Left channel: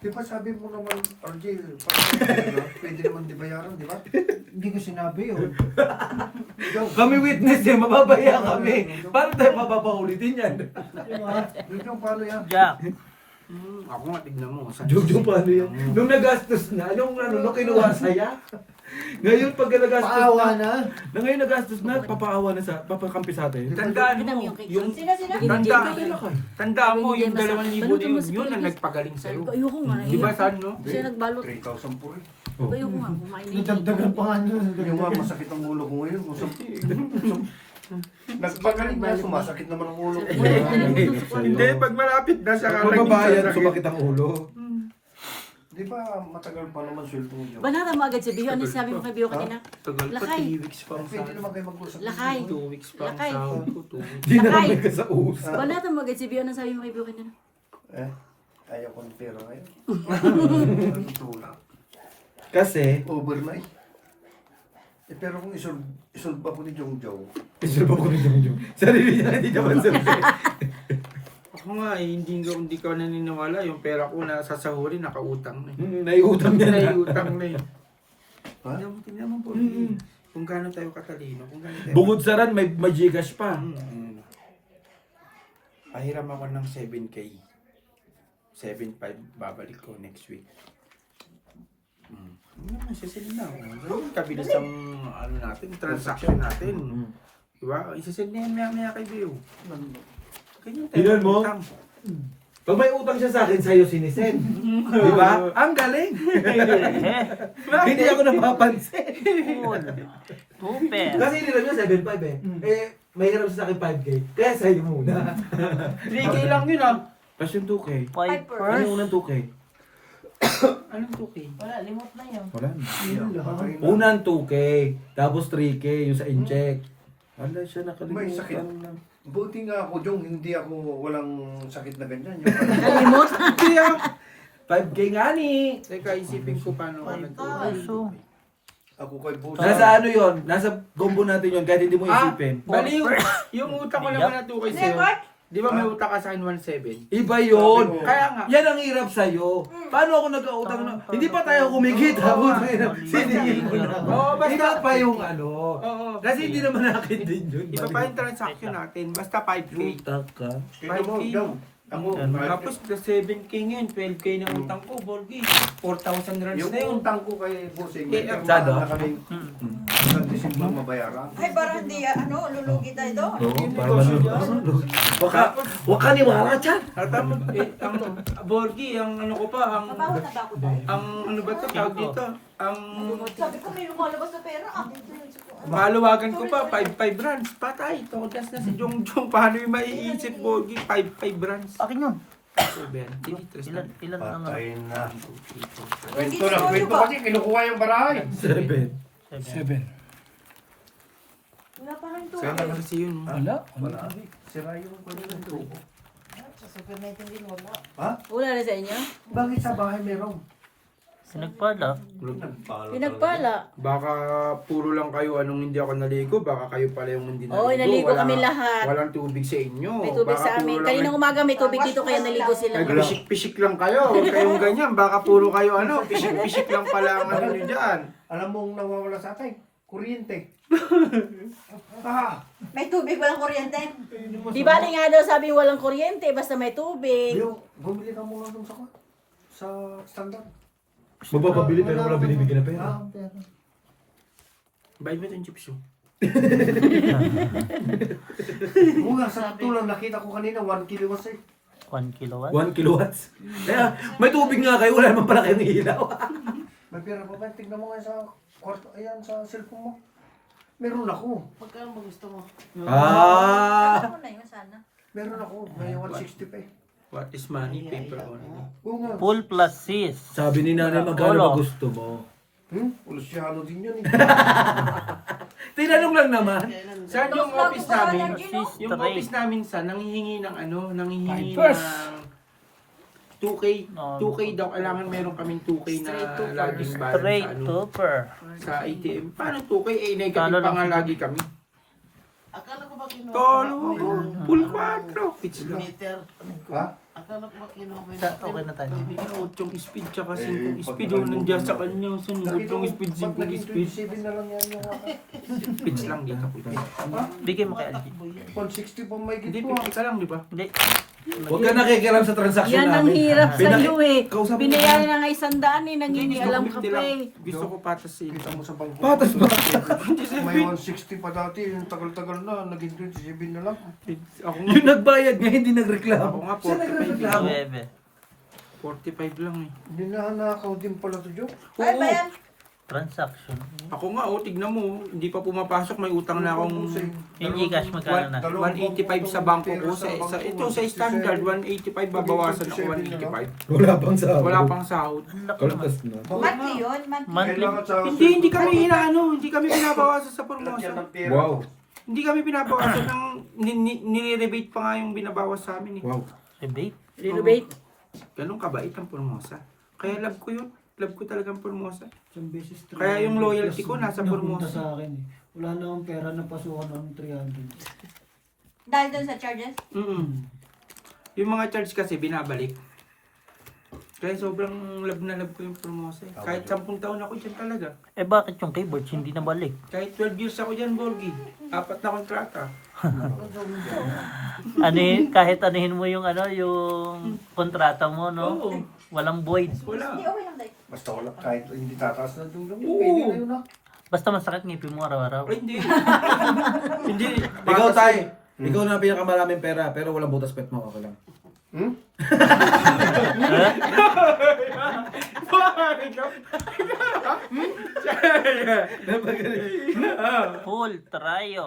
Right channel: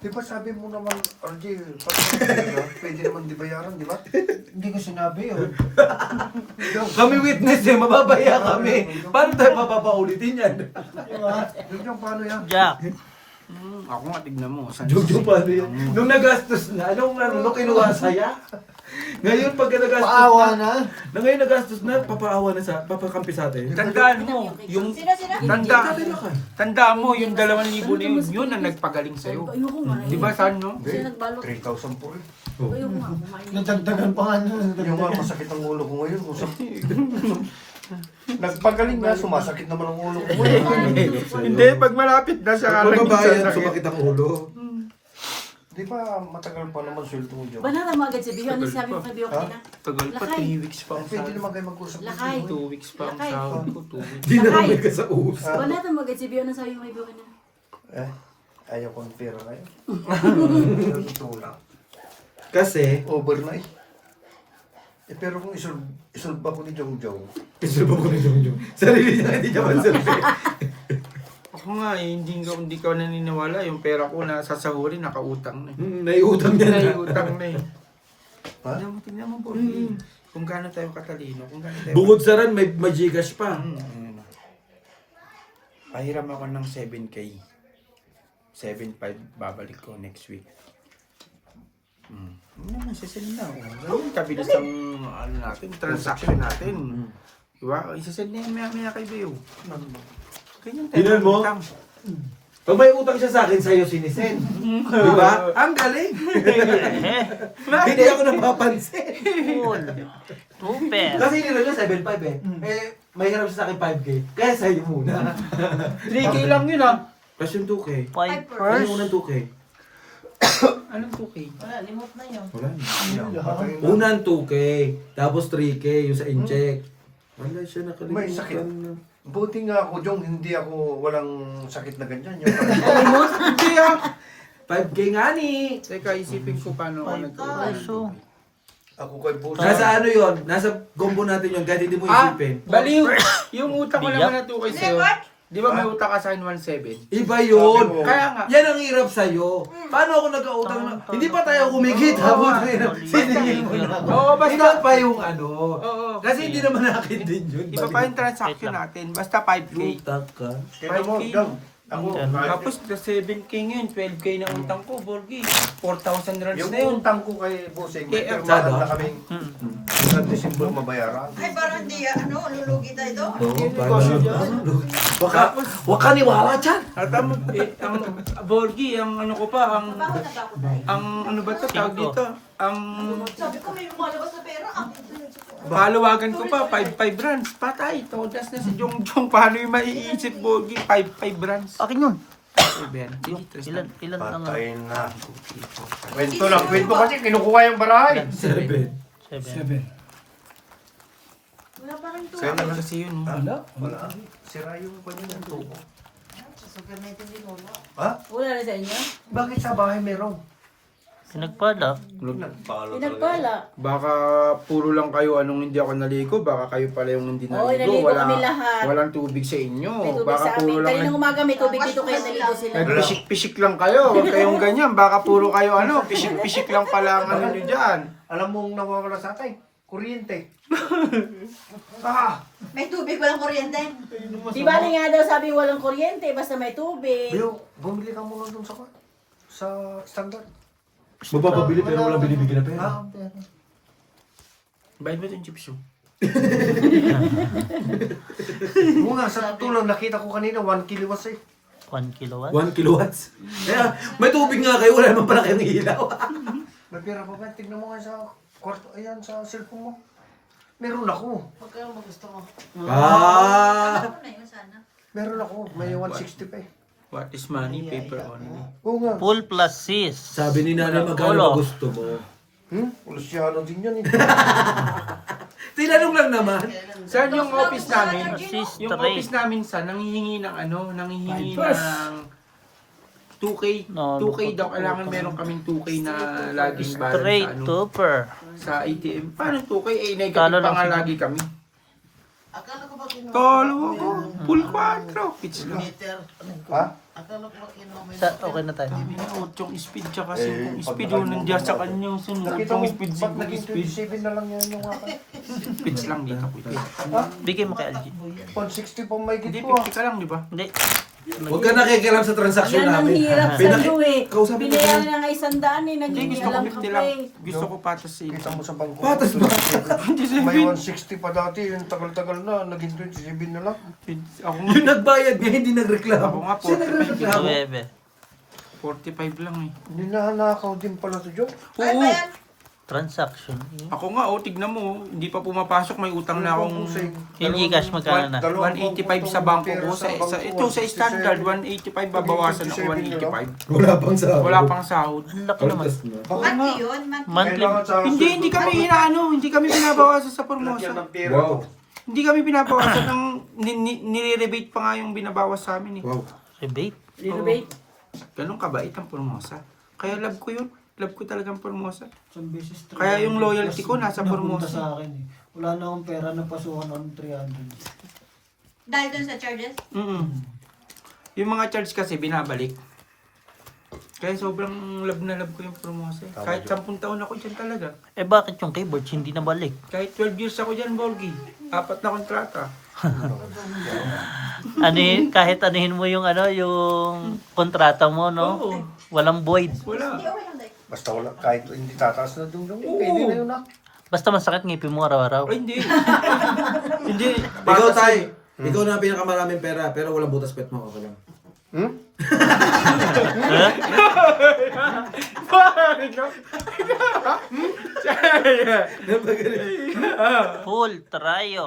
Di ba sabi mo naman, RJ, pwede naman di bayaran, di ba? Hindi ko sinabi yun. Kami witness eh, mababaya kami. Paano tayo mapapaulitin yan? Dito, paano yan? Jack. Ako nga, tignan mo. Jojo, paano yan? Nung nagastos na, nung kinuha saya. Ngayon pag nagastos Paawa na, na. ngayon nagastos na, papaawa na sa, papakampi sa atin. Tandaan mo, yung Sino? tandaan mo, yung 2,000 na yun ang nagpagaling sa'yo. Ayoko nga. Di ba saan, no? Kasi nagbalot. 3,000 po eh. Oh. Ayoko nga. Nadagdagan pa nga nun. Yung nga masakit ang ulo ko ngayon. Nagpagaling na, sumasakit naman ang ulo ko. Hirap sa'yo. Hindi, pag malapit na siya Pag mababayan, sumakit ang ulo. Di ba matagal pa naman sweldo mo dyan? Banata mo agad si Biyo. Ano sabi mo kay Biyo kanina? Tagal pa, Lakay. 3 weeks pa ang Pwede naman kayo mag-usap. Lakay. 2 weeks pa ang Lakay. sahod ko. 2 weeks. Di na kami ka sa usap. Banata mo agad si Biyo. Ano sabi mo kay Biyo kanina? Eh, ayaw ko ng pera kayo. Ito lang. Kasi, Over na eh. Eh pero kung isolve ako ni Jong Jong, isulba ko ni Jong Jong. Sarili niya, hindi niya mansulbe. Ako nga eh, hindi ka naniniwala. Yung pera ko na sasahurin, nakautang na eh. Naiutang niya na. Naiutang na eh. Ha? Tingnan mo po. Kung gaano tayo katalino. Kung gaano tayo... Bukod sa ran, may Gcash pa. Pahiram ako ng 7K. 7.5 babalik ko next week. Isasend na ako. Gawin kabilis ang ano natin, transaction natin. Diba? Isasend na yan maya kay Beo. Ganyan tayo. Tingnan mo. utang. Pag may utang siya sa akin, sa'yo sinisend. Di ba? Ang galing. Hindi ako napapansin. Cool. Super. Kasi hiniram niya 7.5 eh. Eh, may hiram siya sa akin 5K. Kaya sa'yo muna. 3K lang yun ah. Tapos yung 2K. Five Ano first. yung unang 2K? Anong 2K? Wala, limot na yun. Wala na. Patay na. Unang 2K. Tapos 3K yung sa incheck. Wala siya May sakit. nakalimutan na. Buti nga ako Jong, hindi ako walang sakit na ganyan. Kaya, 5K nga ni. teka, isipin ko paano ako Puso. Ako kay Boss. Nasa ano yon? Nasa combo natin yon kahit hindi mo isipin. Bali, yung utang ko Biyak. naman na 2K sa'yo. Di ba may utang ka sa 1.7? Iba yun. Sabi mo. Kaya nga. Yan ang hirap sa'yo. Paano ako nag-autang na? Hindi pa tayo kumikita. Siningin mo na. Oo, basta- Iba pa yung ano. Oo. Kasi hindi naman akin din yun. Iba pa yung transaction natin. Basta 5K. Utang ka. Kaya mo, Jong, ako, Tapos na 7K ngayon, 12K na utang ko, Borgi. 4,000 runs yung na yun. utang ko kay Bossing, may Sado? na kaming sa December mabayaran. Ay, parang hindi, lulugi tayo ito. Oo, parang waka niwala dyan. At ang Borgi, ang ano ko pa, ang ano ba ito, tawag dito? Ang Sabi ko may lumalabas na pera. maluwagan ko pa, 5 runs. Patay, todas na si Jong Jong. Paano yung maiisip, Borgi? 5 runs. Akin yun. Ilan lang ano? Patay na. Kwento kasi, kinukuha yung barahay. 7. Wala pa rin ito. Saan naman kasi yun? Wala. Sira yung pwede ng tubo. Wala na sa inyo? Bakit sa bahay meron? Pinagpala. Pinagpala. Baka puro lang kayo anong hindi ako naligo, baka kayo pala yung hindi naligo. Oo, naligo kami lahat. Walang tubig sa inyo. May tubig Baka sa puro amin. lang Kanina umaga may tubig dito kaya naligo sila. Nagpisik-pisik lang kayo. Huwag kayong ganyan. Baka puro kayo ano, pisik-pisik lang pala ang ano nyo dyan. Alam mong nawawala sa atin? Kuryente. May tubig, walang kuryente. Di ba nga daw sabi walang kuryente, basta may tubig. Biyo, bumili ka muna dun sa standard. Mapapabili pero walang binibigyan na pera. Bayad ba ito yung chips yun? Oo nga, sa tulong nakita ko kanina, 1 kilowatts eh. 1 kilowatt. 1 kilowatts. Kaya may tubig nga kayo, wala naman pala kayong ilaw. May pera pa ba? Tignan mo nga sa kwarto, ayan, sa cellphone mo. Meron ako. Magkano ba gusto mo? Ah! Ano na yun sana? Meron ako. May 160 pa eh. What is money? Paper only. Oo nga. Full plus sis. Sabi ni nanay, magkano ba gusto mo? Luciano din yan eh. Tinanong lang naman. Saan yung office namin? Sis Yung straight. office namin sa nanghihingi ng ano, nanghihingi ng 2K. No, 2K daw, kailangan meron kaming 2K na laging balance Straight sa, ano, topper. sa ATM. Paano 2K? Eh, Talo negative lang pa nga siguro. lagi kami. Akala ko ba kinuha? Talo ko. Full 4. Pitch lang. Meter. Ha? Akala ko ba kinuha? Okay na tayo. Yung speed tsaka 5 speed. Oh, nandiyan sa kanya. Sunod Nakita yung mo, speed, ba't 5 naging speed. 27 na lang yan? Pitch lang dito. Bigay mo kay LG. 160 pa may Hindi, gito ah. 50 ka lang, di ba? Hindi. Huwag ka nakikialam sa transaction Yan ang namin. hirap sa Pinaki- iyo eh. Kausapin mo Binayaran na. na nga 100 eh, nang Hindi, hindi gusto ko alam ko 50 pa lang. eh. Gusto ko patas sa Kita mo sa bangko. Patas ba? May 160 pa dati, yung tagal-tagal na, naging 27 na lang. Ako nga, Yung nagbayad nga, hindi nagreklamo. Ako nga, Siya nagreklamo. Bebe. 45 lang eh. Yun na nakaw din pala to, Joe. Ay ba yan? Transaction. Ako nga, tignan mo, hindi pa pumapasok, may utang na akong Yung Gcash magkano na? 185 sa bangko ko. Ito sa standard, 185 babawasan ako 185. Wala pang sahod. Wala pang sahod. Ang laki naman. Kaltas na. Monthly yun? Monthly. Hindi kami hindi kami binabawasan sa promotion. Wow. Hindi kami binabawasan ng nire-rebate pa nga yung binabawas sa amin eh. Wow. Rebate. Renovate? Ganun kabait ang Formosa. Kaya love ko yun. Love ko talagang Formosa. Isang beses 300 Kaya yung loyalty ko nasa napunta Formosa. sa akin eh. Wala na akong pera na pasukan ng 300. Dahil dun sa charges? Yung mga charge kasi binabalik. Kaya sobrang love na love ko yung Formosa. Kahit 10 taon ako dyan talaga. Eh bakit yung keyboards hindi nabalik? Kahit 12 years ako dyan, Borgie. 4 na kontrata. Kahit anuhin mo yung yung kontrata mo, no? Walang void. Wala. Basta wala, kahit hindi tataas na doon lang, pwede na yun ah. Basta masakit ngipin mo araw-araw. Ay, hindi. Hindi. Ikaw tay. Ikaw na pinakamaraming pera pero walang butas pet mo. Okay lang. Hmm? Eh? Full tryo.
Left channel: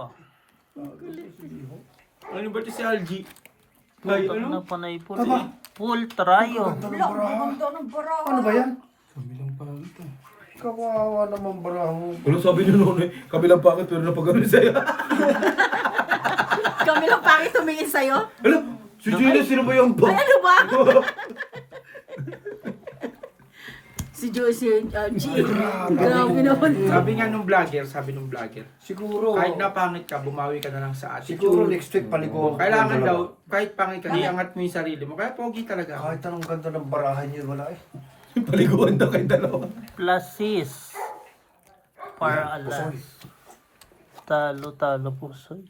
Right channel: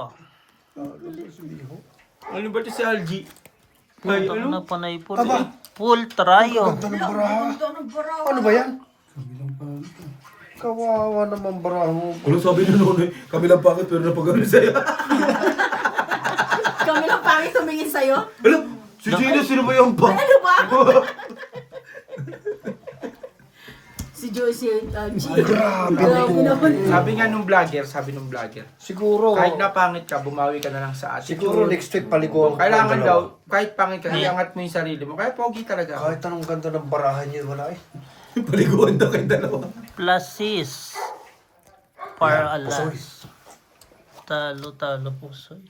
Ano ba ito si LG? Putang na panay po. Full tryo. Ano ba yan? Kawawa naman barahan mo. Walang sabi ni Nonoy, kabilang pakit pero napagano sa'yo. Kami lang pangit tumingin sa'yo. Alam, si Gino, sino ba yung pa? Ano ba? Si Joyce, G. Grabe naman. Sabi nung vlogger, Siguro, kahit napangit ka, bumawi ka na lang sa attitude. siguro next week paliguan ko. Kailangan ng daw, dalawa. kahit pangit ka, iangat mo yung sarili mo. Kaya pogi talaga. Kahit anong ganda ng barahan niyo, wala eh. Paliguan daw kayong dalawa. Plus sis. Para alas. Talo-talo pusoy.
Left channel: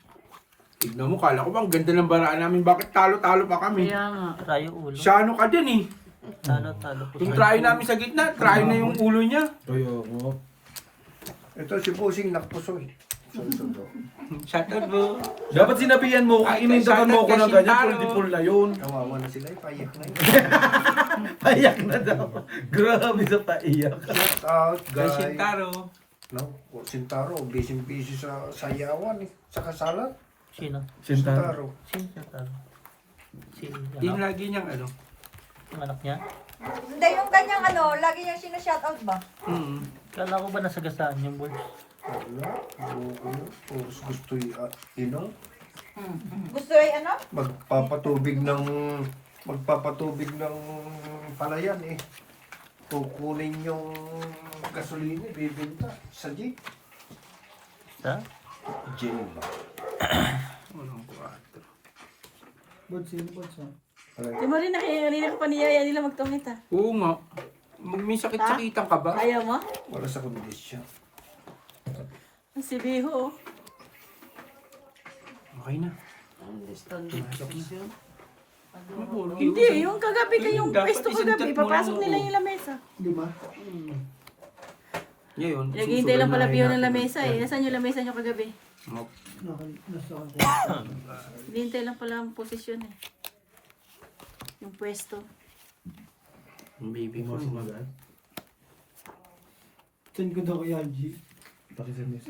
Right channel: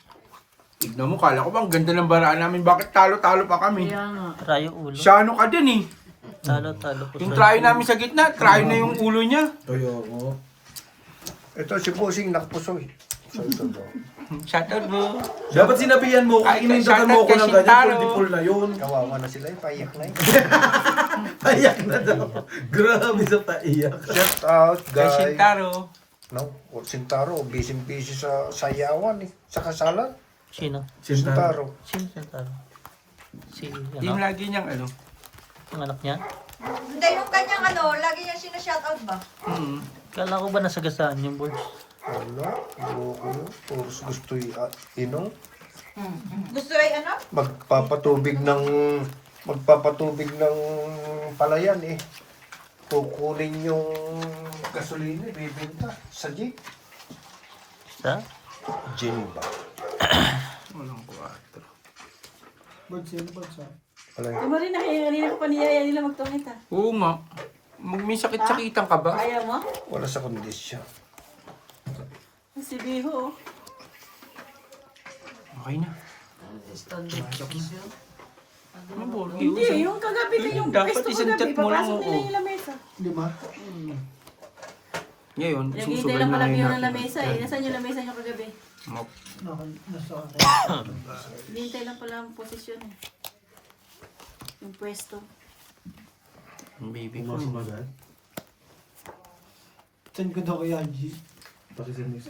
Tignan mo, kala ko bang ganda ng baraan namin. Bakit talo-talo pa kami? Kaya nga. Tryo ulo. Siya ano ka din eh. Talo-talo Yung pusoy. try namin sa gitna, try na yung ulo niya. Kaya ako. Ito si Pusing nakpusoy. So ito bro. Shut up bro. Dapat sinabihan mo, Ay, inindakan mo ako ng Shintaro. ganyan, full di full na yun. Kawawa na sila eh, payak na eh. Paiyak na daw. Grabe sa paiyak. Shout out Kay guys. Shintaro. No, Sintaro, busy sa sayawan eh. Sa kasalan. Sino? Shintaro. Sino siya talo? Si Yung ano? lagi niyang ano. Ang anak niya? Hindi, yung kanyang lagi niyang sinashoutout ba? Kala ko ba nasagasaan yung boards? Wala, bro ko yun. Puros gusto inong. Gusto ay ano? Magpapatubig ng palayan eh. Kukunin yung gasolina, bibinta sa jeep. Sa? Gin ba? Ba't sino ba sa? Wala Di mo rin kanina ko pa niyaya nila magkamit ah. Oo nga. May sakit-sakitan ka ba? Ayaw mo? wala sa kondisyon. Si Biho. Okay na. Hindi, yung kagabi ko yung Dapat Kristo isang kagabi. chat mo lang, Papasok nila oo. yung lamesa. Di ba? Ngayon, Naghihintay lang pala piyo ng lamesa eh. Nasaan yung lamesa niyo kagabi? Nasa ako. Hinihintay lang pala ang posisyon eh. Yung pwesto. Baby ko. Send ko daw kay LG. Pakisimis.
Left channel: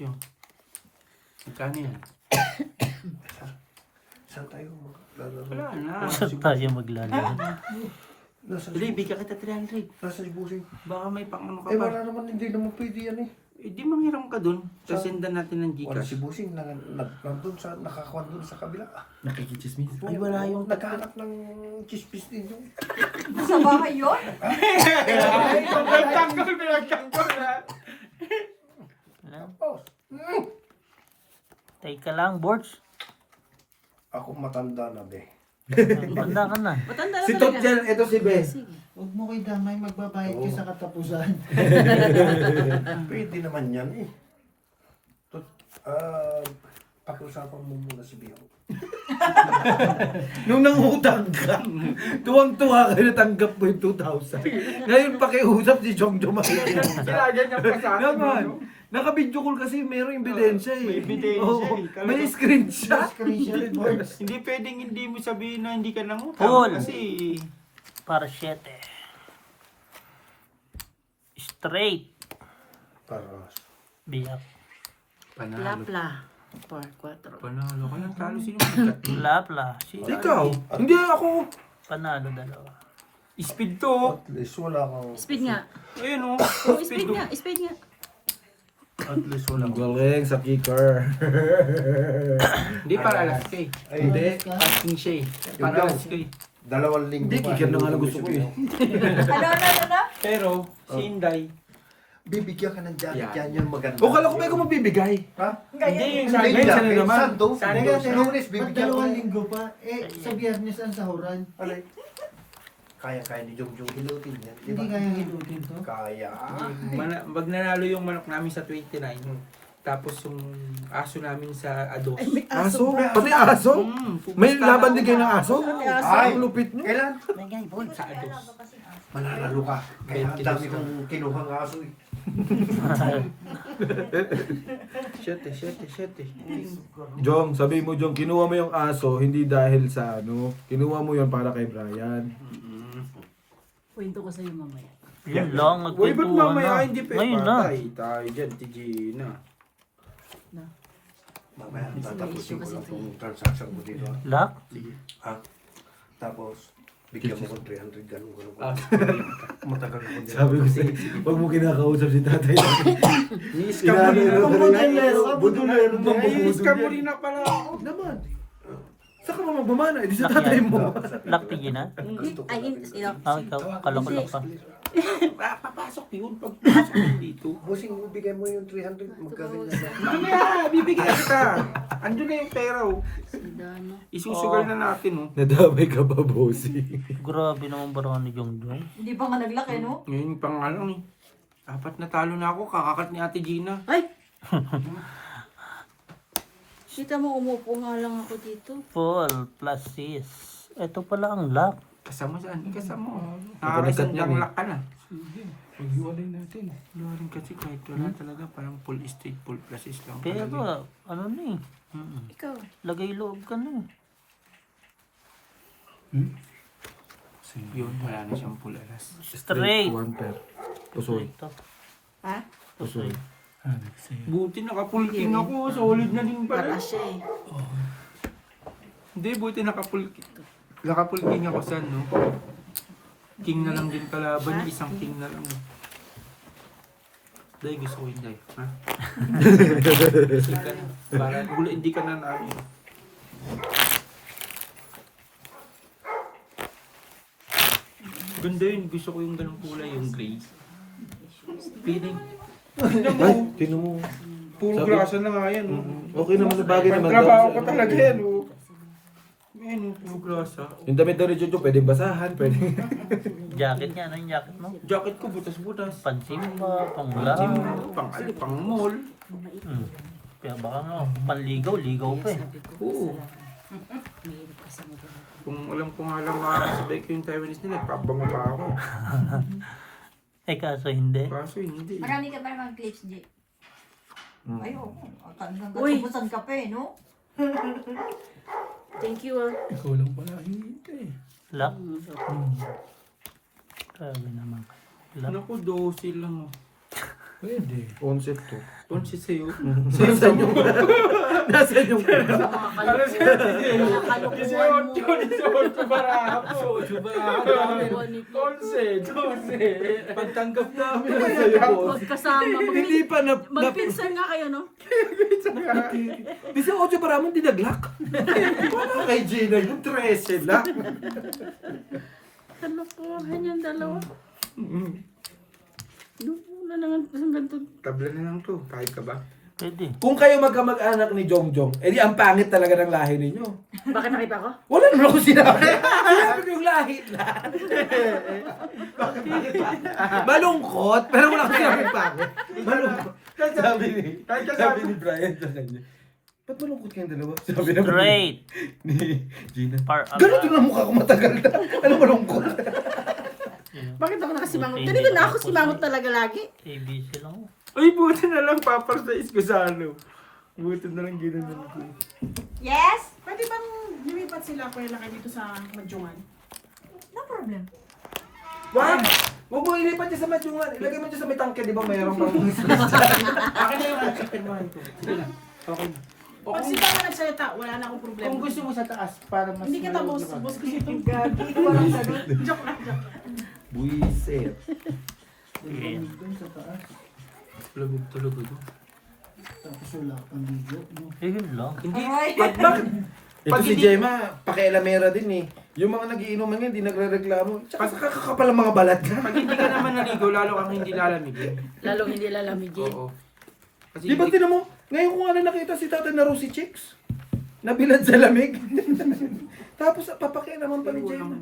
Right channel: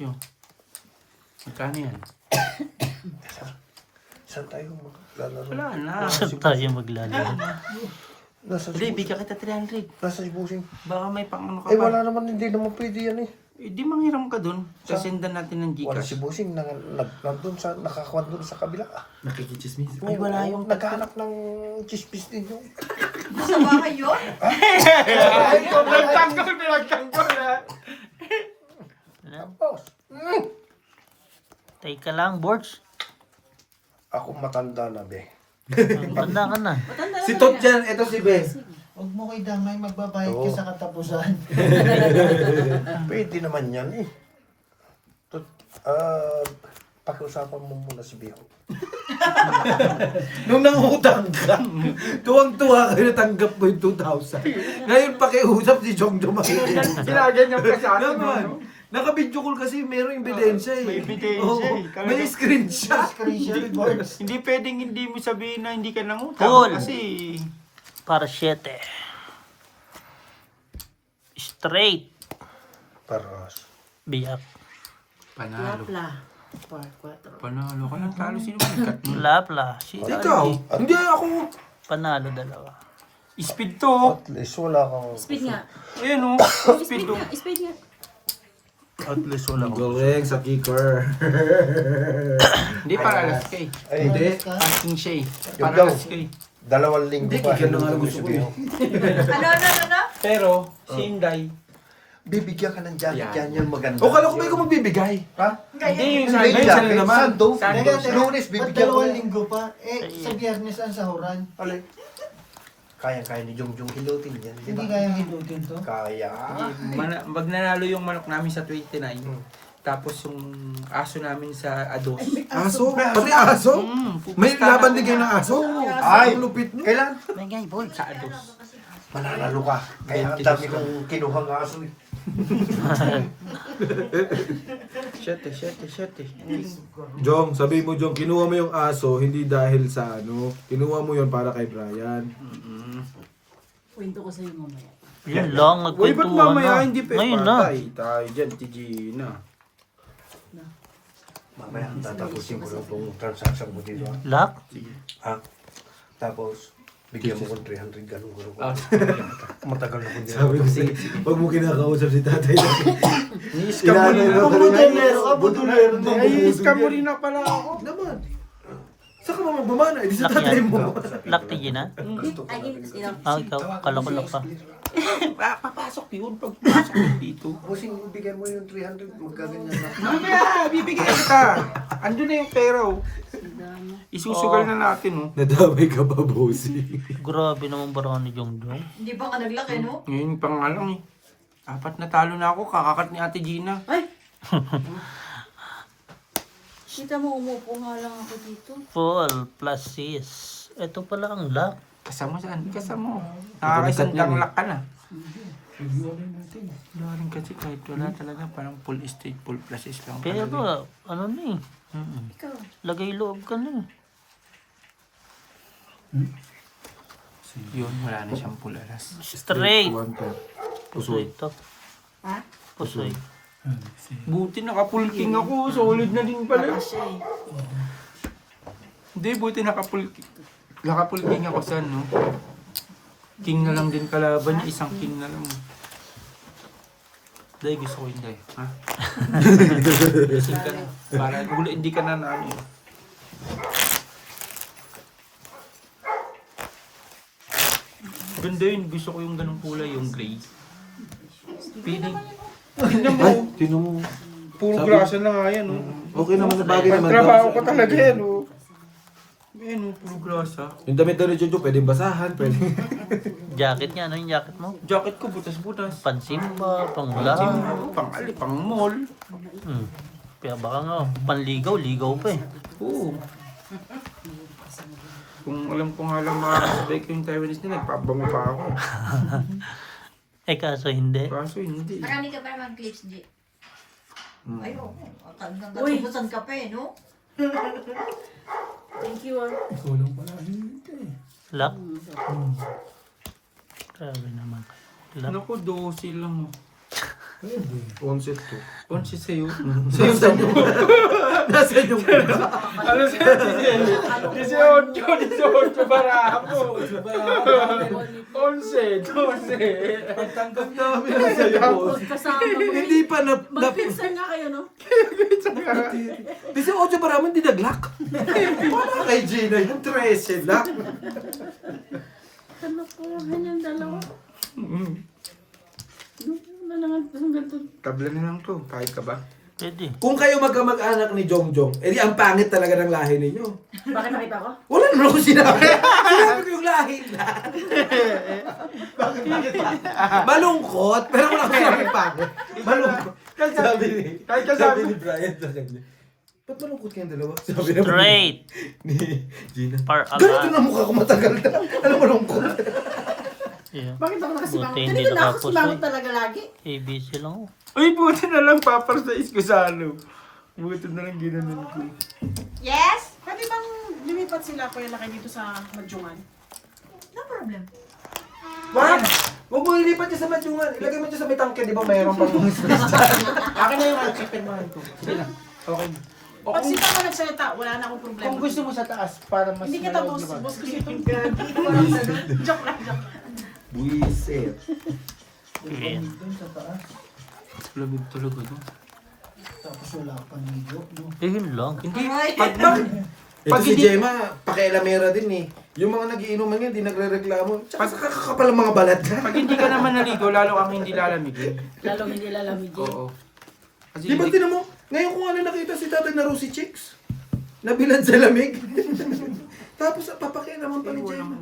Yun. Magkano yan? Saan tayo maglalaro? Wala na. Saan tayo maglalaro? Nasa Hindi, bigyan kita 300. Nasa si Busing. Baka may pang ano ka Eh pa. wala naman, hindi naman pwede yan eh. Eh, di manghiram ka dun. Sasendan natin ng Wala si Gcash. Busing nandun sa, nakakuha dun sa kabila. Nakikichismis. Ay, wala yung naghanap ng chispis din yun. Sa bahay yun? Pinagtanggol na. Ano? Tapos, ka lang, Borge. Ako matanda na, be. Tanda ka na. Matanda na Si Tot talaga. dyan, ito si Be. Huwag mo ko'y damay, magbabayad ka Oo. sa katapusan. Pwede naman yan eh. Pag-usapan mo muna si Biho. Nung nangutang ka, tuwang-tuwa kayo natanggap mo yung 2,000. Ngayon pakiusap si Jong makikiusap. Ginaganyan pa sa atin. Naman. Naka-video call kasi merong ebidensya eh. May ebidensya Oo. eh. May screenshot. Screenshot, Borge. Hindi pwedeng hindi mo sabihin na hindi ka nangutang. Paul. Kasi Para 7. Straight. Paras. Biyak. panalo. Lapla. 4-4. Panalo ka lang. Talo sino ikat mo? Lapla. Si Ikaw? Hindi ako. Panalo dalawa. Speed to. At least wala kang... Speed nga. Ayun o. Oh, Speed speed to. nga. Speed nga. At least wala Ang kang... galing sa kicker. Hindi para alas kay. Ay, Hindi. Parking siya eh. Yung Para daw. alas kay. 2 linggo Hindi, pa, kicker na nga lang gusto ko eh. Ano? Pero, si Inday. Bibigyan ka ng jacket Yan. yan, yan maganda. O kala ko ba ikaw magbibigay? Ha? Hindi yung Hindi, Ngayon, sana jacket, naman. Sando. Teka, teka. Lunes, Ba't bibigyan ko 2 yan. linggo pa? Sa biyernes ang sahuran. Alay. Kaya ni Jong hilutin yan. di Hindi ba? kaya hilutin to. Kaya. Pag nanalo yung manok namin sa 29, tapos yung aso namin sa Ados. Aso? Pati aso? May laban din kayo ng aso? Ay, Ang lupit nyo. Kailan? Sa Ados. Mananalo ka. Kaya ang dami kang kinuhang aso eh. Shete. Jong, sabi mo Jong, kinuha mo yung aso hindi dahil sa ano, kinuha mo yon para kay Brian. Kwento ko sa'yo mamaya. Yun lang, Uy, ba't nagkwentuhan mamaya na. hindi pa? Ngayon na. Tayo dyan, si Gina. Mamaya tatapusin ko lang itong transaction mo dito. ah. Lock? Sige. Ha? Tapos, bigyan mo ko 300 ganun. Ah. Matagal na ko din. Sabi ko sa'yo, wag mo kinakausap si tatay natin. Ni-scam Inaano mo rin na ako. ka rin Budulero ka, budulero. Ni-scam mo rin na pala ako. Naman. Saan ka magbumana? Hindi sa Lock tatay yan. mo. Lock tigil na? Ay, sino? Ah, ikaw. Kala ko lock pa. Papasok yun pag pasok yun dito. Bossing, bigyan mo yung 300, magkaganyan na. Mamaya, bibigay ka. Andun na yung pera oh. Isusugal na natin oh. Nadamay ka pa, bossy. Grabe naman ba ni Jongjong? Hindi pa nga naglaki, no? Ngayon pa nga lang eh. 4 na talo na ako, kakakat ni Ate Gina. Ay! Kita mo, umupo nga lang ako dito. Full plus 6. Ito pala ang lock. Kasama saan? Kasama. Nakakasat Nakakasat niyan lang eh. lak ka na. Wala rin kasi kahit wala talaga parang full estate, full process lang. Pero talaga. ano na eh. Ikaw. Lagay loob ka na eh. Yun, wala na siyang full alas. Straight. One pair. Pusoy. Ito. Ha? Pusoy. Buti nakapulking ako, solid na din pala. Nakasya eh. Hindi, buti nakapulking ako sa ano. King na lang din kalaban niya, isang king na lang. Dahil gusto ko hindi. Ha? Gusto ka na. Para hindi ka na ano. Ganda yun. Gusto ko yung ganong kulay, yung gray. Feeling. Tingnan mo. Ay, tino mo. Puro Sabi- grasa na nga yan. Oh. Okay naman, bagay naman daw. Trabaho ko talaga yan. Oh. Yan, oh, puro grasa. Yung damit daw ni Jojo, pwedeng basahan, pwedeng... Jacket niya. Ano yung jacket mo? Jacket ko, butas-butas. Pansimba, panglahan. Pang mall. Kaya baka nga, panligaw, ligaw pa eh. Oo. Kung alam ko nga lang na sabay ko yung Taiwanese nila, nagpabanga pa ako. Eh kaso hindi. Kaso hindi. Marami ka ba naman clips, G? Ay, oo. Hanggang Uy. katubusan ka pa eh, no? Thank you, ah. Lock? Grabe naman kayo. Lock. Naku, 12 lang. Concept to. Ponsi sa'yo. Nasaan yung... Nasaan yung... Ano siya? 18 barapo. 11. Pagtanggap namin na sa'yo, boss. Magkasama mo. Hindi pa na... Magpinsan nga kayo, no? 18 para man dinaglak. Para kay Gina, yung 13 lang. Kalokohan yung dalawa. Ano na nga, ang ganito. Tabla na lang to. Kahit ka ba? Pwede. Kung kayo magkamag-anak ni Jongjong, edi ang pangit talaga ng lahi ninyo. Bakit nakita ko? Wala naman ako sinabi. Sinabi ko yung lahi lang. Malungkot, pero wala ko sinabi pangit. Malungkot. Sabi ni Brian sa kanya, ba't malungkot kayong dalawa? Sabi na Straight. ni Gina. Par Ganito na mukha ko matagal na. Ano malungkot? Yeah. Bakit ako nakasimangot? Buti Hindi hindi ko na ako nakapos simangot eh. talaga lagi. ABC lang oh. Uy, buti na lang paparsize ko sa ano. Buti na lang ginanon ko. Yes? Pwede bang lumipat sila kuya laki dito sa Madjungan? No problem. Wag! Huwag mo ilipat niya sa madyungan. Ilagay mo siya sa may tangke, di ba mayroon pang space dyan? Akin na yung open mo ko. Sige lang. Okay. Pag sila ka nagsalita, wala na akong problema. Kung gusto mo sa taas, para mas Hindi kita malawag boss. naman. Boss ko itong gagi. Walang sagot. Joke lang, joke lang. Buisit. Ayan. Doon sa taas. Lamig talaga ito. Tapos wala ka pang ligo, no? Yun lang. Hindi. Ay. Bakit? Ito Pag si hindi- Gemma, pakialamera din eh. Yung mga nagiinuman niya, hindi nagre-reklamo. Tsaka sa kakakapal ang mga balat ka. Pag hindi ka naman naligo, lalo kang hindi lalamigin. Lalong hindi lalamigin. Oo. Kasi Di ba hindi- tinan mo, ngayon ko nga na nakita si tatay na Rosie Chicks. Nabilad sa lamig. Tapos papakialaman pa ni Gemma.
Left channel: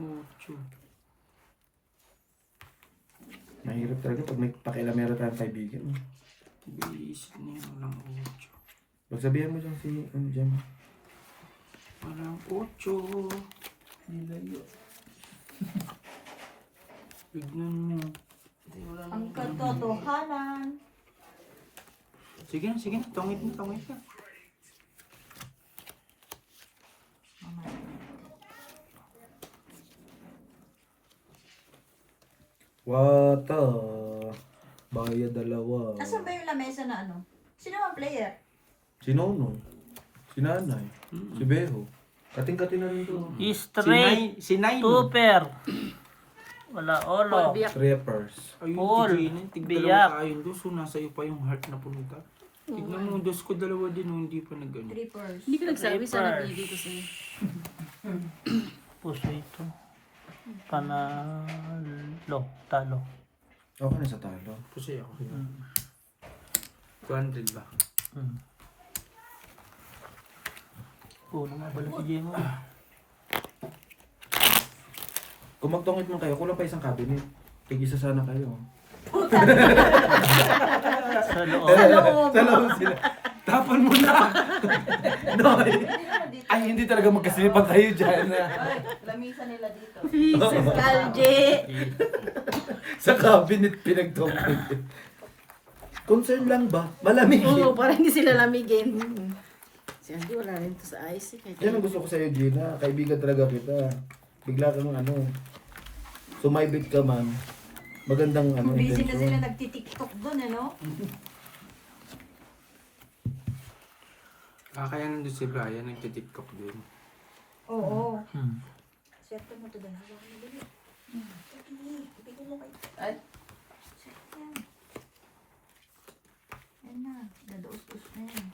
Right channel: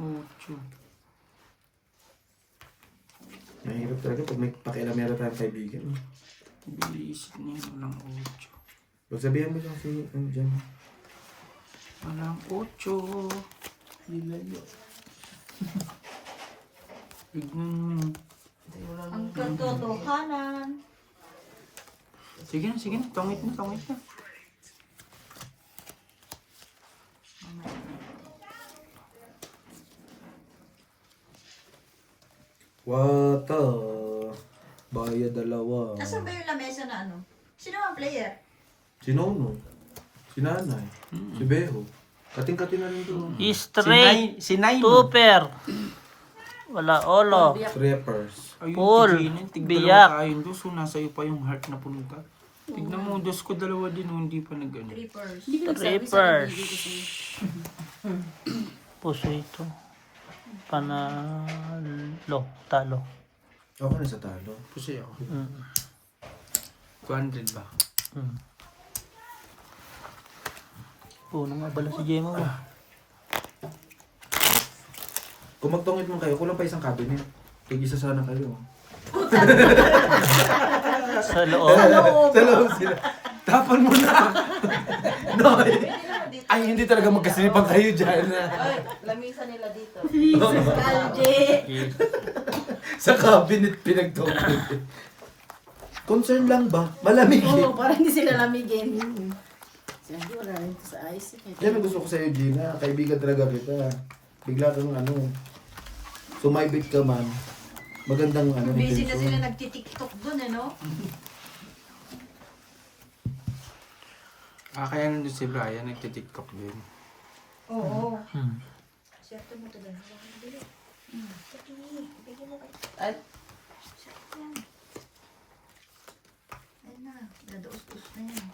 Mahirap talaga pag may pakialamera tayong kaibigan. Bilis na yun. Walang 8. Pagsabihan mo dyan si Gemma. Walang 8. Nilayo. Tignan mo. Ang katotohanan. Sige na, sige na. Tangit na, tangit na. Wata. Baya dalawa. Nasaan ba yung lamesa na ano? Sino ang player? Si Nonoy. Si Nanay. Si Beho. Kating-kating na rin doon. Straight. Si Nay. Tuper. Wala olo. Strippers. Ayun, Paul, tignan. Tignan biyak. tayo. Diyos, nasa iyo pa yung heart na punta. Tignan mo, Diyos ko dalawa din, hindi pa nag-ano. Trippers. Hindi ko nagsabi sa Trippers. nabili kasi. Puso ito. Panalo. Talo. Ako na sa talo. Kasi ako. Mm. 200 ba? Mm. Punong abala si Gemma mo. Kung magtungit man kayo, kulang pa isang cabinet. Tig-isa sana kayo. Sa loob. Sa loob sila. Tapan mo na. Noy. Ay, hindi talaga magkasinipan kayo dyan. Lamisa nila dito. Jesus, Kalje. Sa cabinet pinagtungit. Concern lang ba? Malamig eh. Oo, para hindi sila lamigin. Siyempre, wala rin ito sa ice. Yan ang gusto ko sa'yo, Gina. Kaibigan talaga kita. Bigla kang sumaybit ka man. Magandang Busy kasi intensyon. na nagtitiktok dun eh, no? Kaya nandun si Brian, nagtitiktok din. Oo. Hmm. Siyempre mo ito na. Ay. Ay na, nadaus-dus na yun.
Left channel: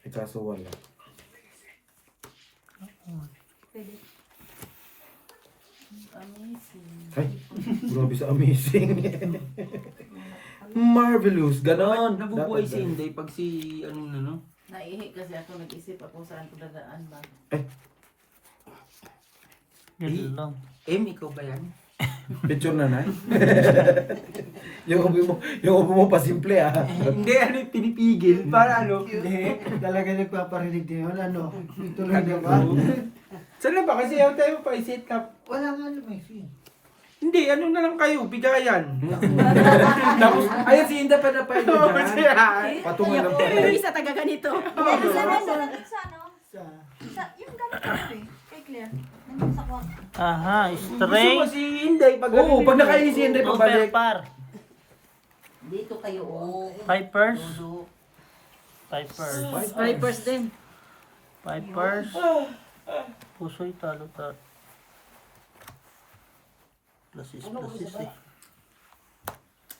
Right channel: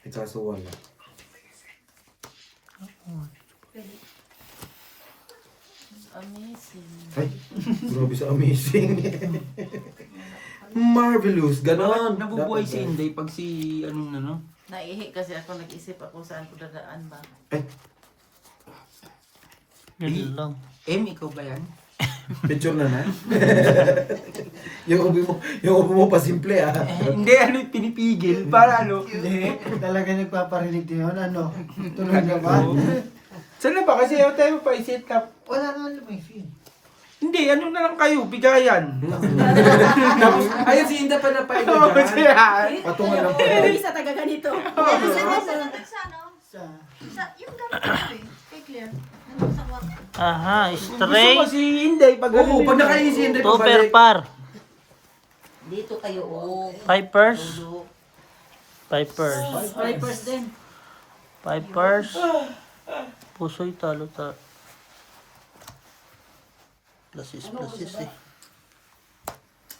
Eh, kaso wala. Amazing. Ay, grabe sa amazing. Marvelous, ganon. Nabubuhay Dapat si Inday pag si, anong ano? Naihi kasi ako, nag-isip ako saan ko dadaan ba. Yun lang. Ikaw ba yan? Picture na na. yung ubo mo pa simple ah. Hindi, ano yung pinipigil para ano? Hindi, talaga nagpaparinig yun, ano? Tuloy na ba? Sana ba? Kasi ayaw tayo pa i-set up. Wala naman may fee. Hindi, ano na lang kayo, bigayan. Tapos, ayun si Inda pa na pa Kasi dyan. Patungan lang pa. Pero isa taga ganito. Sa ano? Sa... Sa, yung gamit ko eh. Kay Claire. Nandun sa kwarto. Aha, Gusto mo straight. si Inday pag Oo, pag nakain si Inday Tuper pabalik. par. Dito kayo, oh. Pipers. Pipers. Vipers din. Pipers. Puso'y talo. Plasis eh.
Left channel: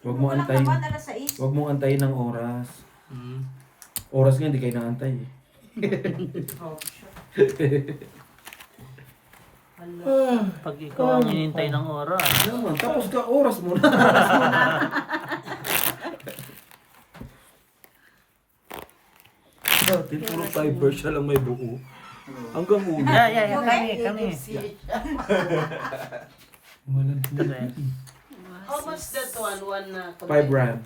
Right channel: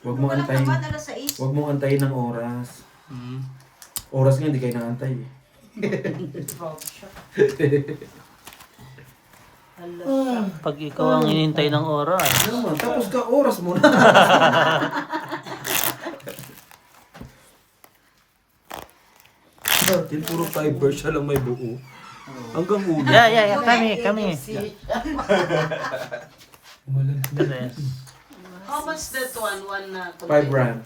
Huwag mo antayin. Walang alas 6. Huwag mo antayin ng oras. Oras nga, hindi kayo naantay eh. Pag ikaw ang hinintay ng oras. Naman, tapos ka oras mo na. Dati, puro fiber siya lang may buo. Hanggang ulo. Yeah. Kami. Tres. How much that one na? 5 rand.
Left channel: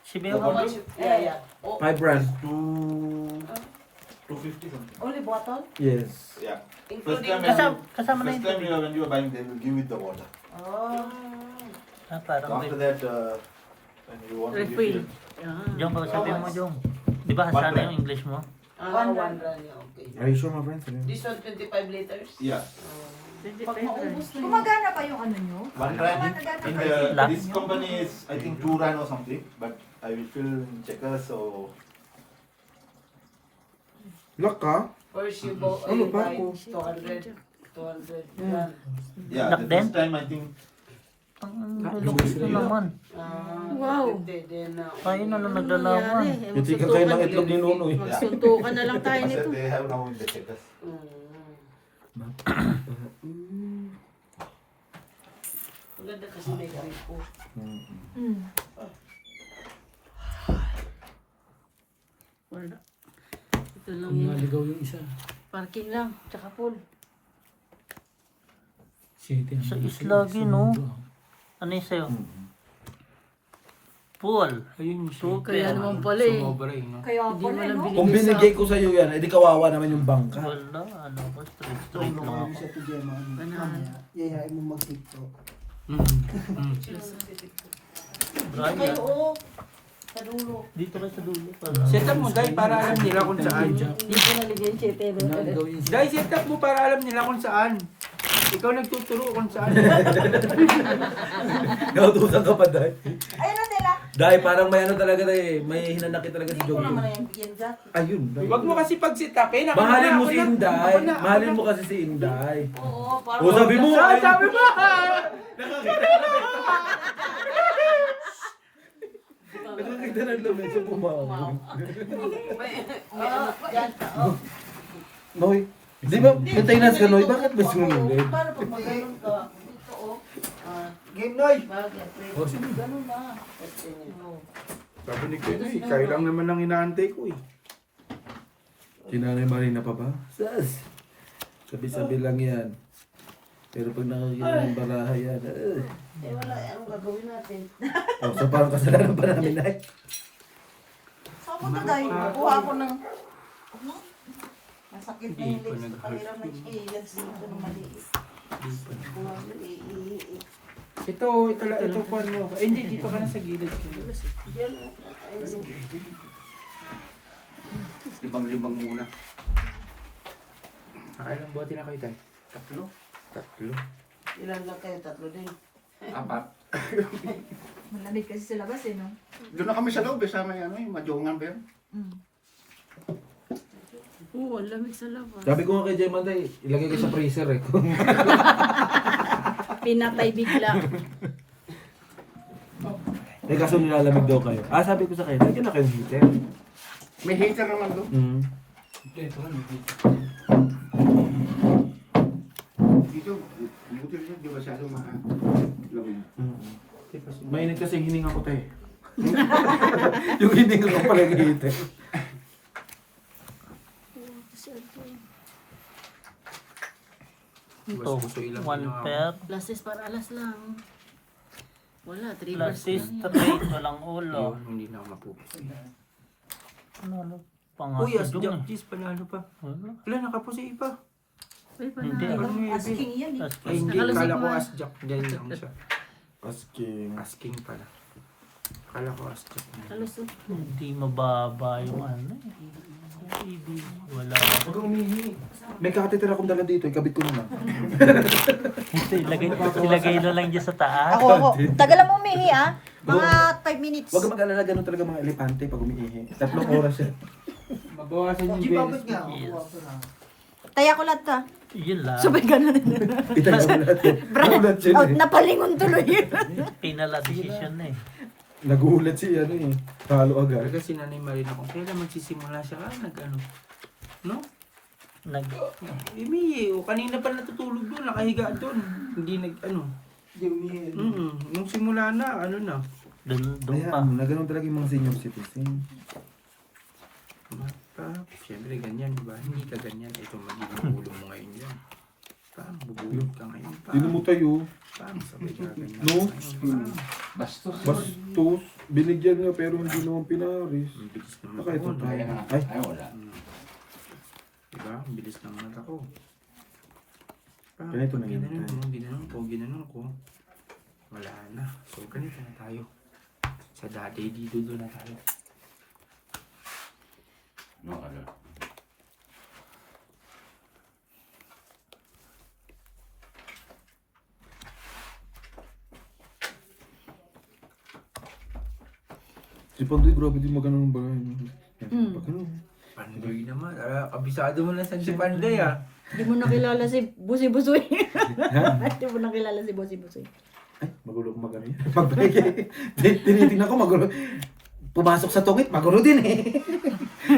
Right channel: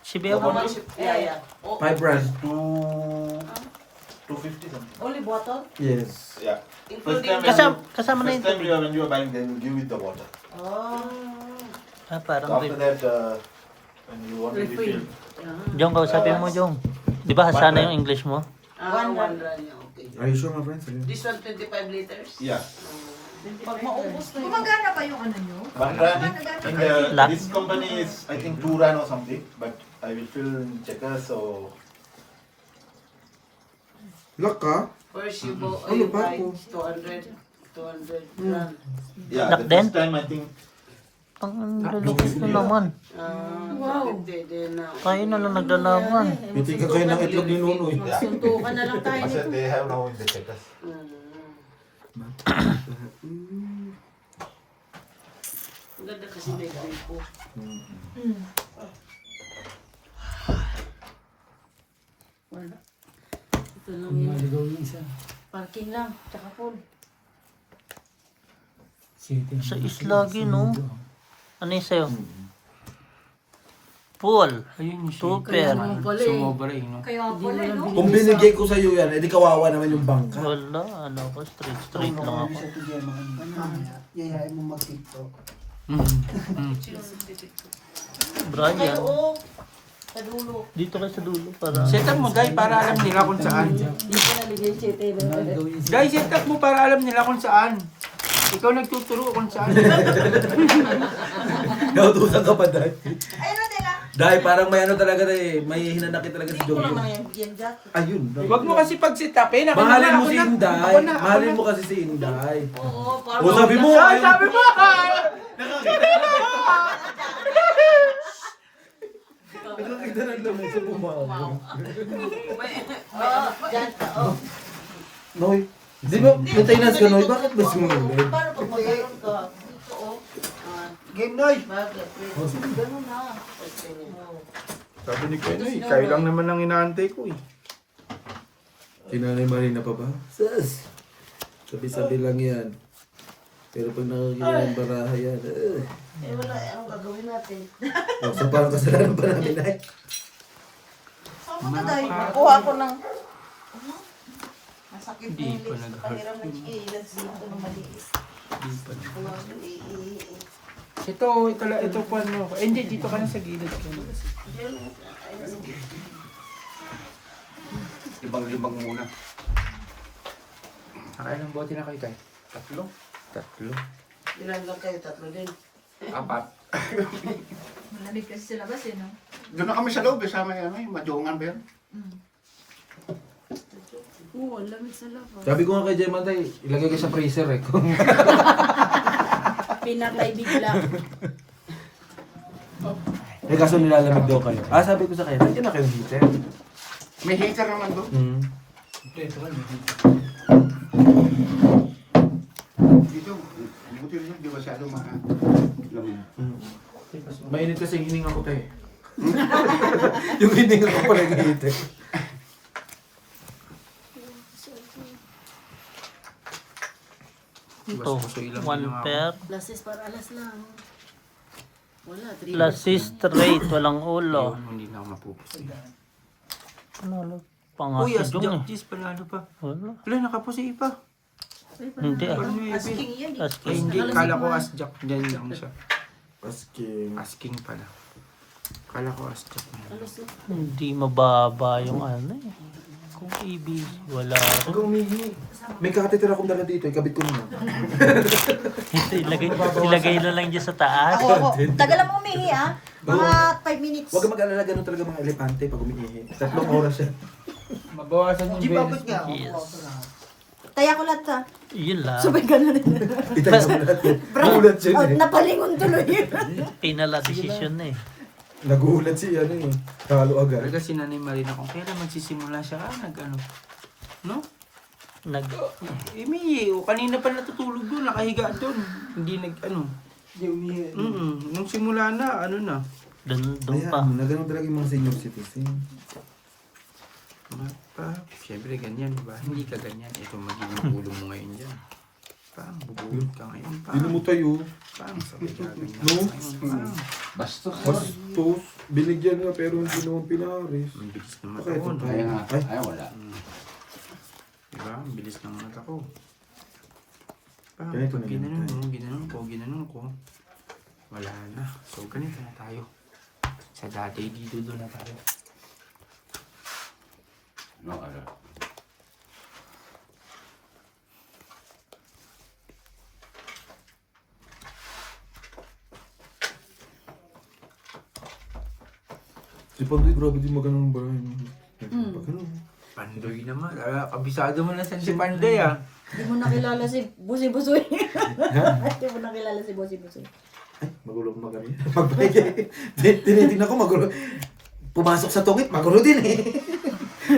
Si Beo How ba? much? Yeah. 5 rand. 250 something. Only bottle? Yes. Yeah. Including Kasama na First yun. time when you are buying, they will give you the water. Oh. Parang After that, when you want to refill, Jong, kausapin mo, Jong. Di ba sana yung English mo? One run, yeah, okay. Are you sure, my friend? This one 25 liters? yeah. Pag maubos na yun. Gumagana pa yung ano nyo? 1 rand. In the, Lakh. this company is, I think, 2 rand or something, but I will fill in checkers, so Lock ka? First you go, Ano you ba buy ako? 200 run. yeah, Lakh the din? first time I think Ang lulukos mo naman. Then now. Tayo na lang naglalaban. Pitikan kayo ng itlog ni Nunoy. Suntukan na lang tayo because nito. they have now in the checkers. Ang ganda kasi may gripo. Wala. Ito lang Kung yun. naligaw yung isa. Parking lang, tsaka full. City. Sa islagi, no? Ano yung sa'yo? Pool. Ayun yung Super. Naman pala eh. Sumobra eh, no? Kaya pala, no? Kung binigay ko sa'yo yan, edi kawawa naman yung bangka. Wala, ano ko, straight lang ako. Yayain mo mag-tiktok. Brian, Oo. Sa dulo. dito kayo sa dulo para... Set up mo, guys, para alam nila kung saan. Hindi ko naligay siya. Guys, set up mo para alam nila kung saan. Ikaw nagtuturo kung saan. Nautusan ka pa, Day. Ayun na, Tela. Day, parang may ano talaga, Day. May hinanakit talaga si Hindi ko Jong. naman yung bigyan ka. Ayun. Huwag mo kasi pag-set up eh. Mahalin mo si Inday. Mahalin mo kasi si Inday. Oo, O sabi mo, Sabi mo! nakakita ng lamesa pumawa. Yan. Oh. Noy, di ba maintenance ka, Noy? Bakit ba sumulit? Paano pag magano'n ka? Ito, oh. Game Noy! Bagay. Ganun na. Sabi ni Kenny, kayo lang naman ang inaantay ko eh. Kinanay Marina pa ba? Sas! Sabi-sabi lang yan. Pero pag nakakita ng baraha yan, Eh wala, anong gagawin natin? oh, so parang kasalanan pa namin, Nay. Saan mo na tayo? Kuha ko ng... Masakit na yung legs. Pahirap ng iilas dito ng maliit. Ito pa ano. Eh, hindi, dito ka na sa gilid. Libang-libang muna. Nakain ng bote na kayo tayo. Tatlo. Ilan lang kayo? Tatlo din. 4. Malamig kasi sa labas eh, no? Doon na kami sa loob, sama yung madungan ba yan? Oo, ang lamig sa labas. Sabi ko nga kay Jeman, Day, ilagay ka sa freezer eh. Pinakaibig lang. Eh kaso nilalamig daw kayo. Ah, sabi ko sa kayo, lagyan na kayong heater. May heater naman doon. Dito, buti rin yun, di masyado lamig. Mainit kasi yung hininga ko tayo. Yung hininga ko pala yung heater. Ito, 1 pair. Lasis para alas lang. Wala, 3 Lasis straight, walang ulo. Hindi na ako mapupusin. Ano, pangasid yung eh. Cheese pala ano pa. Wala. Wala, nakapusi pa. Hindi ah. Asking yan eh. Ay, Asking. hindi, kala ko as Jack. Diyan lang siya. Asking. Asking pala. Kala ko as Jack. Hindi mababa yung ano eh. Kung ibig, wala. Huwag kang umihi. May catheter akong dala dito, ikabit ko na. Ito, ilagay na lang dyan sa taas. Ako, tagal mo umihi, ah. Mga 5 minutes. Huwag kang mag-alala, ganun talaga mga elepante pag umiihi. 3 oras yan. Mabawasan yung venus. Yes. Taya ko lahat, ah. Yun lang. Sabay ganun. Itay mo lahat yun. Nagulat siya Out eh. na palingon tuloy. Pinala decision na eh. Nagulat siya ano eh. Talo agad. Talaga si Nanay Marina kung kailan magsisimula siya nag-ano. No? Nag... O kanina pa natutulog doon, nakahiga doon. Hindi nung simula na, na. Doon pa. Ayan, na ganun talaga yung mga senior citizen. Siyempre ganyan, diba? Hindi ka ganyan. Ito magiging ulo mo ngayon dyan. Paano bubulog ka ngayon? Di na mo tayo. Paano sabay ka ganyan? No? Bastos. Bastos. Binigyan niya pero hindi naman pinaris. Ang bilis ng Baka mata ito ko. tayo. Ayan na. Ay, Ay, wala. Diba? Ang bilis ng mata ko. Ganito na lang tayo. Ginanong ko. Wala na. So, ganito na tayo. Sa dati, dito doon na tayo. No, ano. si Pandoy, grabe din magandang ba? Pag ano? Pandoy naman. Kabisado mo na sa si Pandoy ah. Hindi mo nakilala si Busi Busoy. Hindi mo nakilala si Busi Busoy. Ay, magulo ko magano yan. Magbalik. Tinitingnan ko magulo. Pumasok sa tungit, magulo din eh.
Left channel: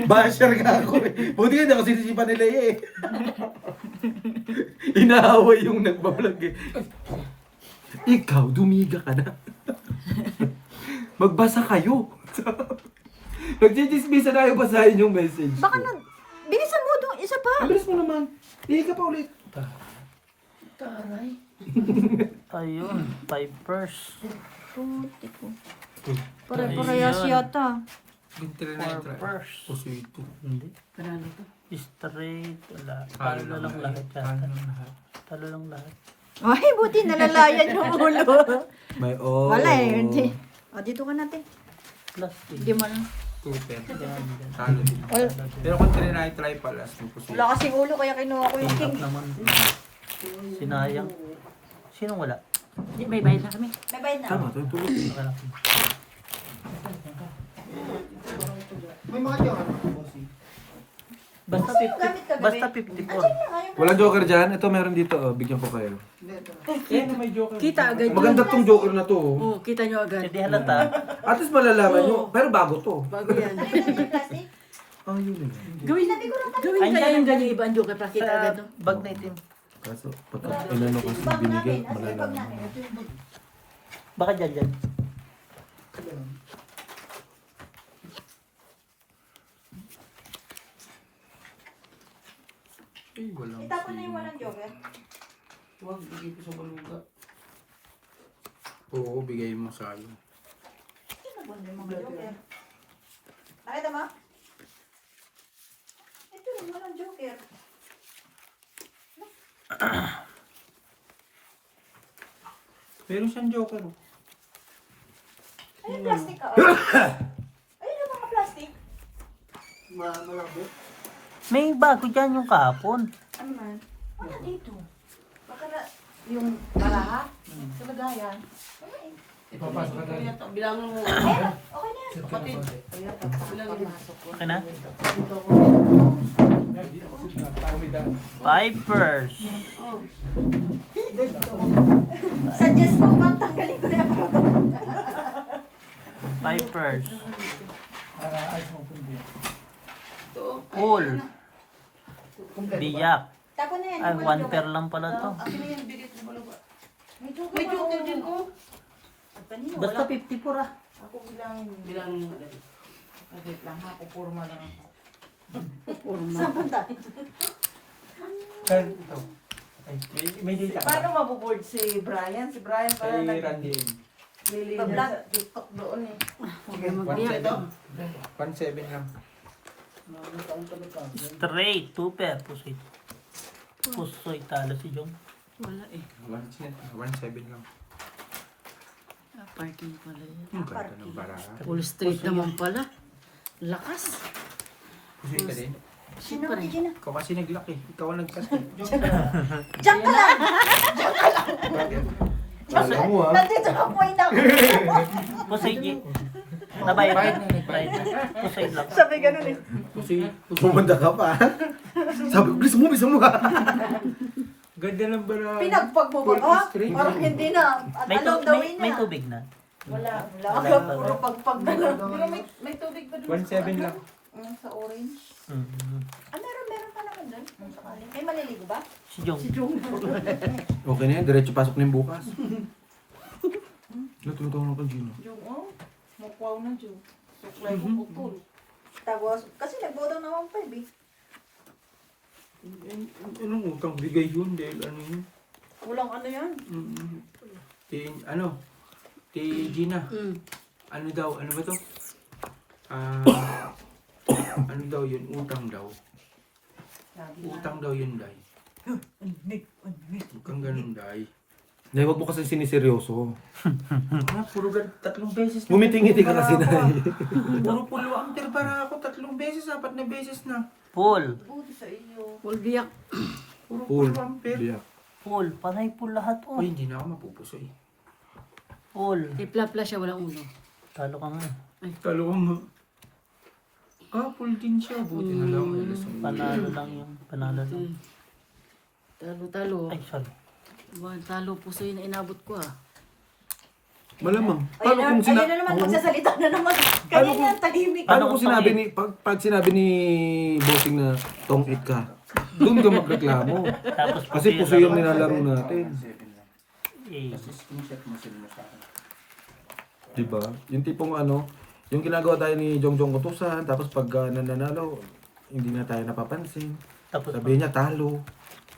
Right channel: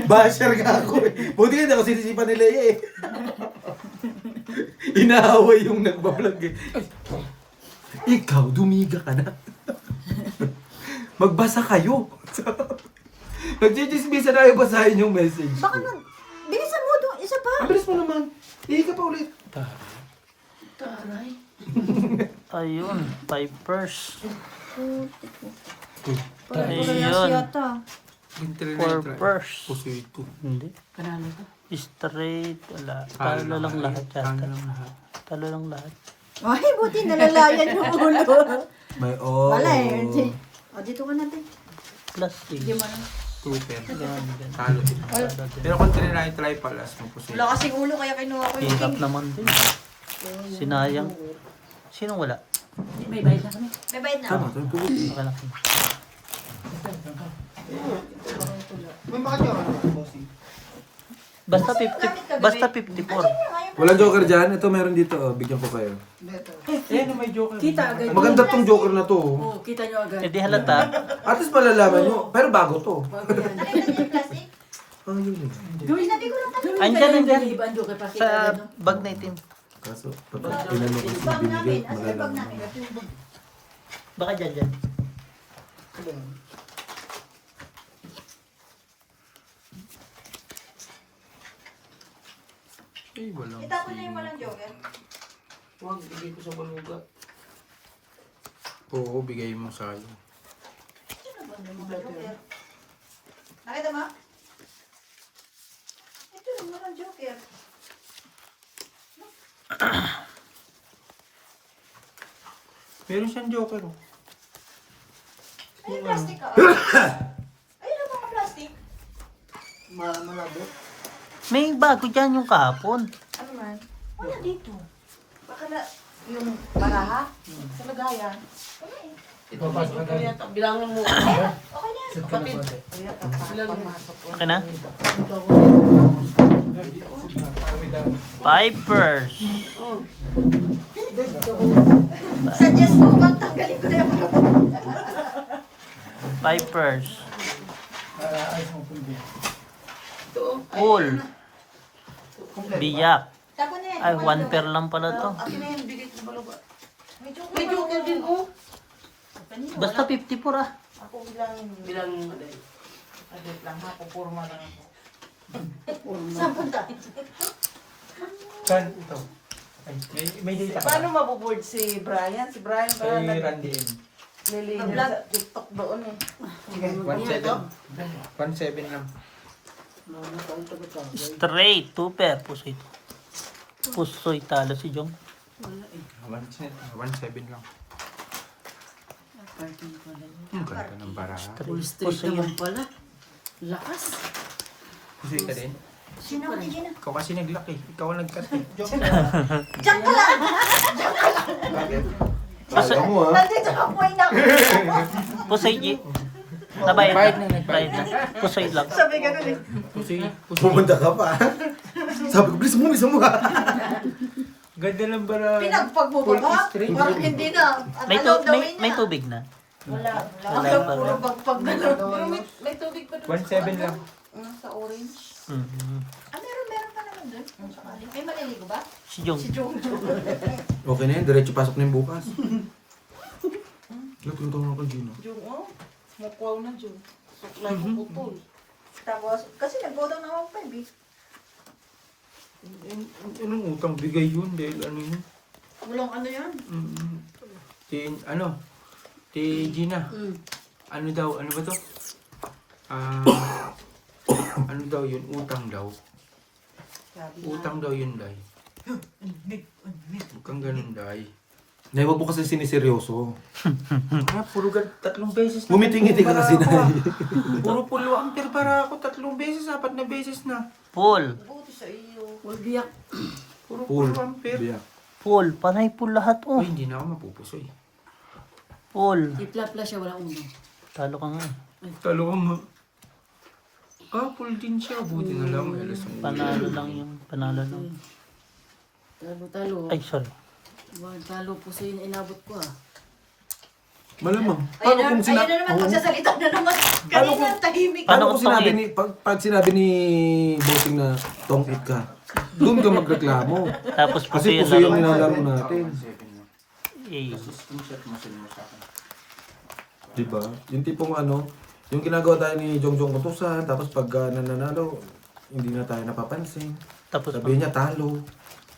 Basher nga ako eh. Buti hindi ako sinisipan nila eh. Inaaway yung nagbablog eh. Ikaw, dumiga ka na. Magbasa kayo. Nagchichismisa na yung basahin yung message Baka ko. na, bilisan mo doon, isa pa. Ang bilis mo naman. Ihi ka pa ulit. Taray. Ayun, Pipers. Parehas yata. Purpers. Puso ito. Hindi. Kanano to? Straight. Wala. Talo lang lahat yata. Talo lang lahat. Ay, buti nalalayan yung ulo. May oh. Wala eh. Hindi. Dito ka natin. Plastic. Hindi mo lang. Super. Ganda. Talo. Pero kung try palas ng puso. Wala kasing ulo kaya kinuha ko yung Hirap naman din. Sinayang. Sinong wala? May bayad na kami. May bayad na. Tama, tama. Akala ko. May mga dyan. Bossy. Basta 50. Basta 54. Walang joker dyan. Ito meron dito. Oh. Bigyan ko kayo. Kita agad. Maganda tong joker na to. Oh. Oo, kita nyo agad. Hindi halata. At least malalaman nyo. Pero bago to. Bago yan. Nakita niyo yung plastic? Ah, yun yun. Gawin Sabi ko lang kanina. Gawin Andyan, tayo yung andyan. galiban doon kapag kita Sa agad. bag na itim. Kaso, pag inano kasi Bag binigay, namin. Asa yung bag malalaman. namin? Baka dyan. Eh, walang Itapon na yung walang joker. Huwag, hindi ko sa baluga. Oo, bigay mo sa akin. Nakita mo? Ito lang, walang joker. Meron siyang joker oh. Ay, yung plastic ka. Ayun ang mga plastic. Malabo. May bago dyan yung kahapon. Ano man? Wala dito. Baka na yung baraha sa lagayan. Wala eh. Bilangin mo. Okay na yan. Okay na? Pipers. Suggest mo bang tanggalin ko na yung Pipers. Cool. Biyak. Tapo na yan. Ay, one pair lang pala to. Ako na yan, bigay ko ba ba? May joker din, oh. Basta 54 ah. Ako bilangin. Bilangin mo din. Agit lang ha, pupurma lang ako. Saan punta? Saan ito? May data. Paano mabuboard si Brian? Si Brian para Kay Randy M. naglilinis sa TikTok doon eh. 1.7 lang. Straight. 2 pair. Pusoy. Pusoy talo si Jong. 1.7 lang. Ang ganda ng baraha. Full straight naman pala. Lakas. Kasi ka din. Sino ang tigil na? Ikaw kasi naglaki. Ikaw ang nagkat eh. Diyan ka lang! Alam mo ah. Nandito ka kumain na ako. Pusoy G. Nabayad na. Bayad na. Pusoy lang. Sabi ganun eh. Kasi Pumunta ka pa. Sabi ko, bilis mo ha. ganda ng baraha. Pinagpag mo ba ba? Parang hindi na. At May, anong gawin may na? tubig na. Wala. Wala Ang pa puro rin. pagpag na lang. Pero may tubig pa doon. 1.7 lang. Sa orange. Mhm. Ah, meron pa naman doon. Sa ba? Si Jong. Okay na yan, diretso pasok na yung bukas. Nagtutulong ako, Gino. Yung, oh, mukwaw na dyan. Suklay ko putol. Tapos, kasi nag-go down naman pa, eh. Anong utang bigay yun? Dahil ano yun? Walang ano yan. Ti Gina. Mm. Ano ba to? Ano daw yun? Utang daw. Utang daw yun, Day. Huwag kang ganun, Day. Nay, wag mo kasi siniseryoso. Puro 3 beses na. Ngumitingiti ka kasi, Nay. Puro pulo ang para ako 3 beses, 4 na beses na. Paul. Buti sa iyo. Huwag biyak. Puro Pool. pulo ang Biyak. Paul. Panay pool lahat oh. Uy, hindi na ako mapupusoy. Paul. Ipla-pla siya, walang ulo. Talo ka nga. Talo ko mo. Pool din siya. Buti na lang. Panalo lang yung panalo lang. Talo-talo. Ay, sorry. Talo po sa'yo na inabot ko ah. Malamang. Paano kung Ayun na naman, magsasalita na naman. Kanina, tahimik. Paano Paano kung kung sinabi tongit? ni pag sinabi ni Bossing na tong-it ka? Doon ka magreklamo. Tapos Kasi puso yung nilalaro natin. Eh, Diba? Yung tipong ano, yung ginagawa tayo ni Jongjong Kutusan, tapos pag nananalo, hindi na tayo napapansin. tapos Sabi niya talo,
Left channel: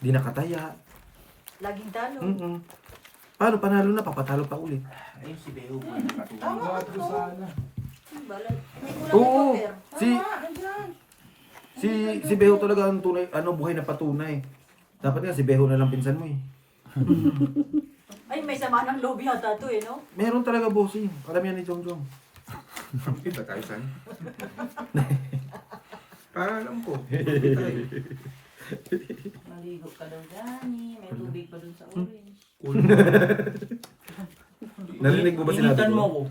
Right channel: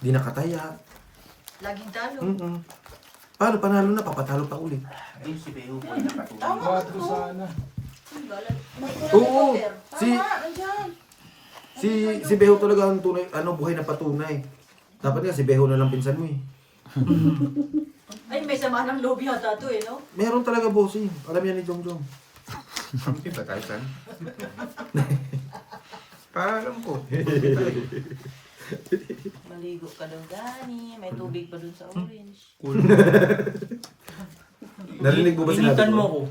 di nakataya. Laging talo. Paano panalo na, papatalo pa ulit. Ayun si Beho po na pati. Oo, si Beho talaga ang tunay, buhay na patunay. Dapat nga si Beho na lang pinsan mo eh. Ay, may sama ng loob yata to eh, no? Meron talaga bossing. Alam yan ni Jongjong. Hindi ba tayo saan? Paalam ko. Maligo ka lang, Dani. May tubig pa dun sa orange. Narinig mo ba sinabi Initan mo ko? ko.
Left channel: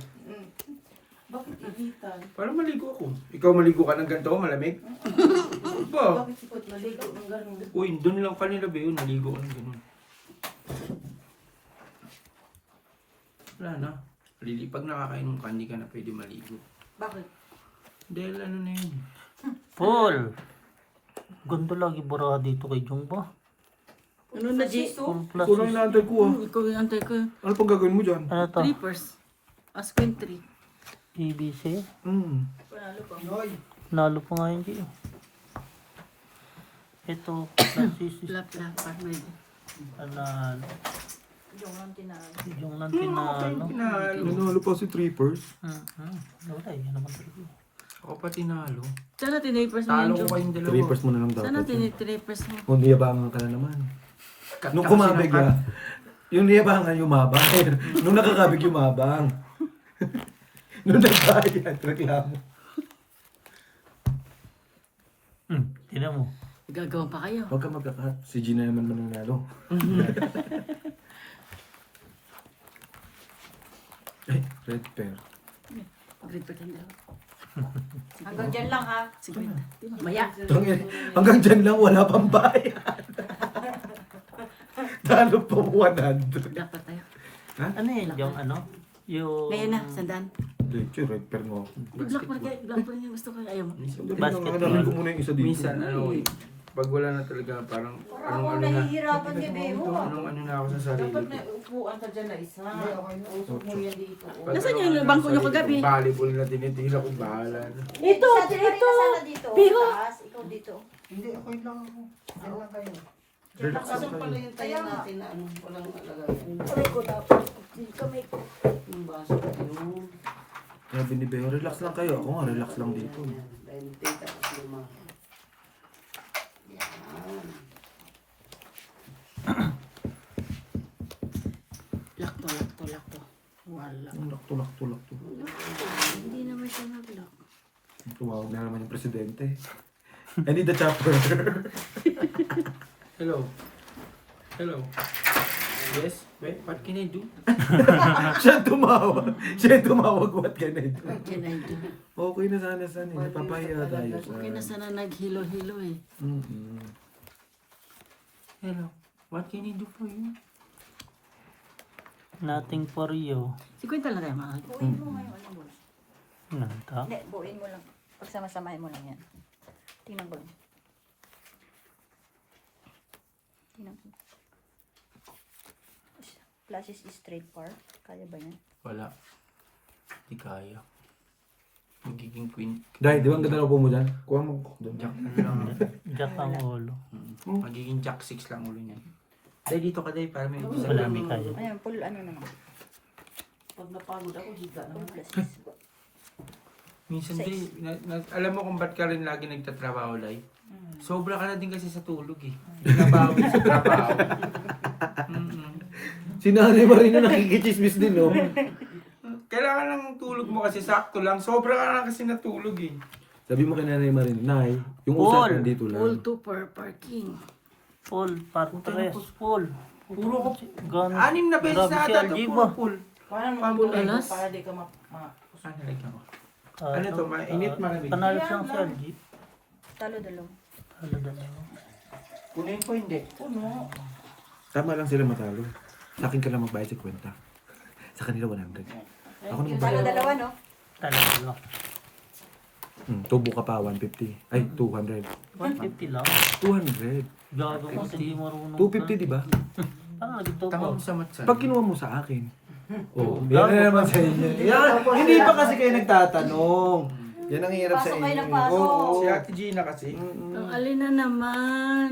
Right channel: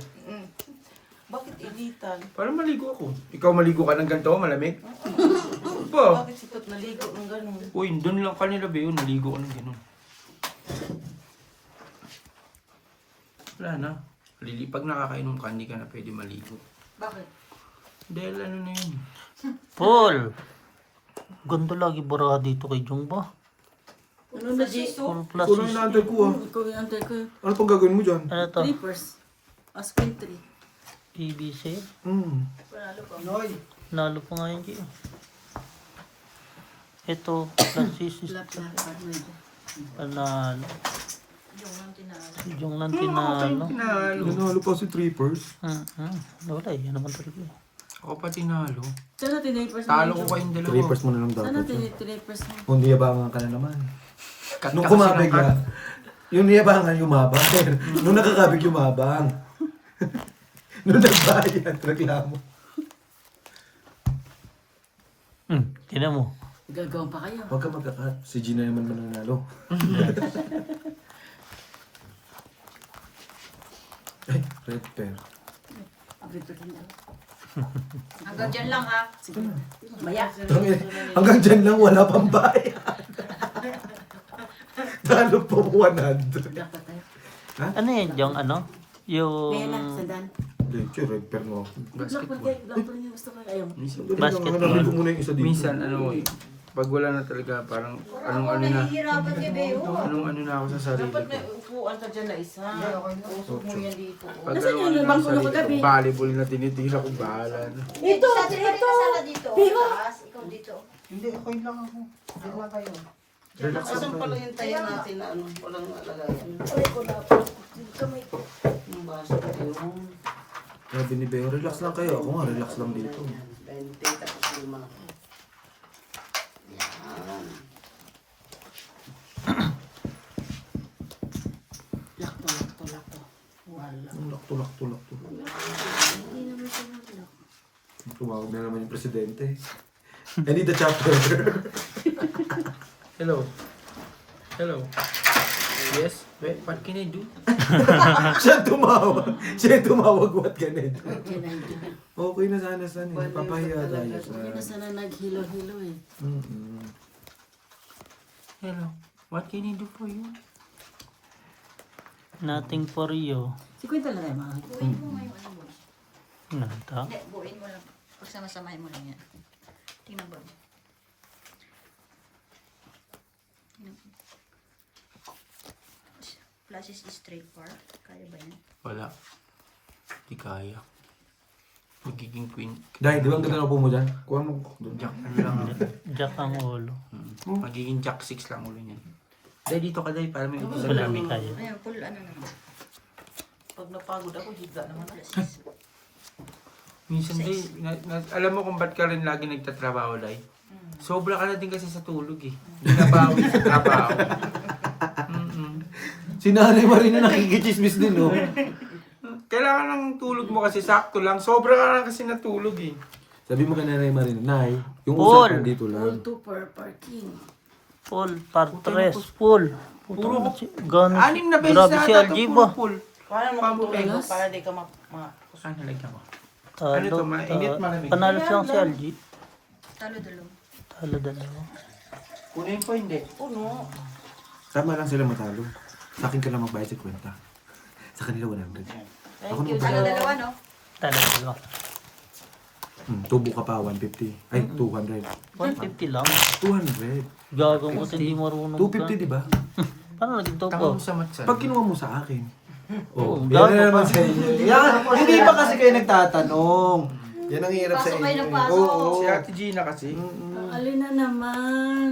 Bakit initan? Para maligo ako. Ikaw maligo ka ng ganito, malamig? Ba? Bakit sikot maligo ng ganun? Uy, doon lang kanila Beho, naligo ko ng gano'n. Wala na. Pag nakakainom ka, hindi ka na pwede maligo. Bakit? Dahil ano na yun. Paul. Ganda lagi bara dito kay Jong ba? Ano na, G? Full plus Kulang yung naantay ko ah. Ikaw yung antay ko. Ano pang gagawin mo dyan? ano to? Trippers. Askin 3. PBC? Nalo pa nga yun. Ito, plus is panalo. Yung lang tinalo. Nanalo pa si Trippers. Wala yan naman talaga. Ako pa tinalo. Sana tinipers mo Talo yun, ko Jong. kayong dalawa. Trippers mo na lang Sana dapat yun. tinipers mo. Kung niyabangan ka na naman. Cut Nung ka kumabig kasi ka, yung niyabangan yumabang. Nung nakakabig yumabang. Nung nagbayad, reklamo. Tinan mo. Gagawin pa kayo. Huwag ka magkakat. Si Gina naman mananalo. Ay, red pair. Grito ka na. Hanggang dyan lang, ha? Sige. Maya. Hanggang dyan lang, wala pang bayad. Talo po 100. Dapat tayo. Ano yun, yung ano? Yung... Kaya na, sandan. Leche, red pair mo. Black pa niya gusto ko. Ayaw. Basketball. Hanapin ko muna yung isa dito. Minsan, pag wala na talaga, parang anong ano na. Nahihirapan niya, Beo. Anong ano na ako sa sarili Dapat ko. na upuan ka dyan na isa. Usok mo yan dito. Pag Nasaan ano yung na lubang sa mo yung sarili kagabi? ko, volleyball na tinitira ko, bahala na. Ito! Biho! Ikaw dito. Hindi, okay lang ako. Okay lang kayo. Relax lang Asan kayo. pala yung tayo natin na ano, walang alalayan. Yung baso yun. Sabi ni Beo, relax lang kayo. Ako nga, relax lang dito. Dahil tita kasi yung mga. Yan. Lakto. Wala. Ang lakto. Hindi naman siya naglo. Tumawag na naman yung presidente. I need the chopper. Hello. Hello. Yes? What can I do? Siya ang tumawag. What can I do? Yan na yun. Okay na sana eh. Napapahiya tayo sa... Kaya na sana naghilo-hilo eh. Hello. What can I do for you? Nothing for you. Si Kwenta na rin, mahal. Buuin mo ngayon. Ano mo? Nanta. Hindi, buuin mo lang. Pagsama-samahin mo lang yan. Tingnan mo. Flashes is straight par. Kaya ba niya? Wala. Hindi kaya. Magiging queen. Dahil, di ba ang ganda ng upo mo dyan? Kuha mo doon. Jack lang. Jack ang ulo. Magiging jack 6 lang ulo niyan. Dahil dito ka dahil para may Wala, hindi kaya. Ayun, full ano na. Pag napagod ako, higla naman. Minsan di, alam mo kung ba't ka rin lagi nagtatrabaho, Lai? Sobra ka na din kasi sa tulog eh. Binabawi sa trabaho. Si Nanay Marina nakikichismis din, no? Kailangan ng tulog mo kasi sakto lang. Sobra ka na kasi natulog eh. Sabi mo kay Nanay Marina, Nay, yung Paul. usapan dito lang. Full 2 per parking. Full, par 3, full. Puro Gan, 6 na beses grabe na si ata LG ito ba? full. Paano Pampulong. para di ka Saan nilagyan mo? Talo, Ano to, mainit, malamig? panalo siyang si LG. Talo dalaw. Talo dalawa. Kunin ko hindi. puno. Tama lang sila matalo. Sa akin ka lang magbayad sa kwenta. Sa kanila 100. Ako na Talo magbayad. dalawa, no? Talo dalawa. Tubo ka pa, 150. Ay, 200. 150 lang. 200. Gago mo, hindi marunong 250, di ba? Paano naging tubo? Tawag sa matsa. Pag kinuha mo sa akin. Oh, gago yan na naman pa. sa inyo. Yan, hindi pa kasi kayo nagtatanong. Yan ang hirap sa Pasok kayo inyo. ng pasok. Oo. Si Ate Gina kasi. Alin na naman.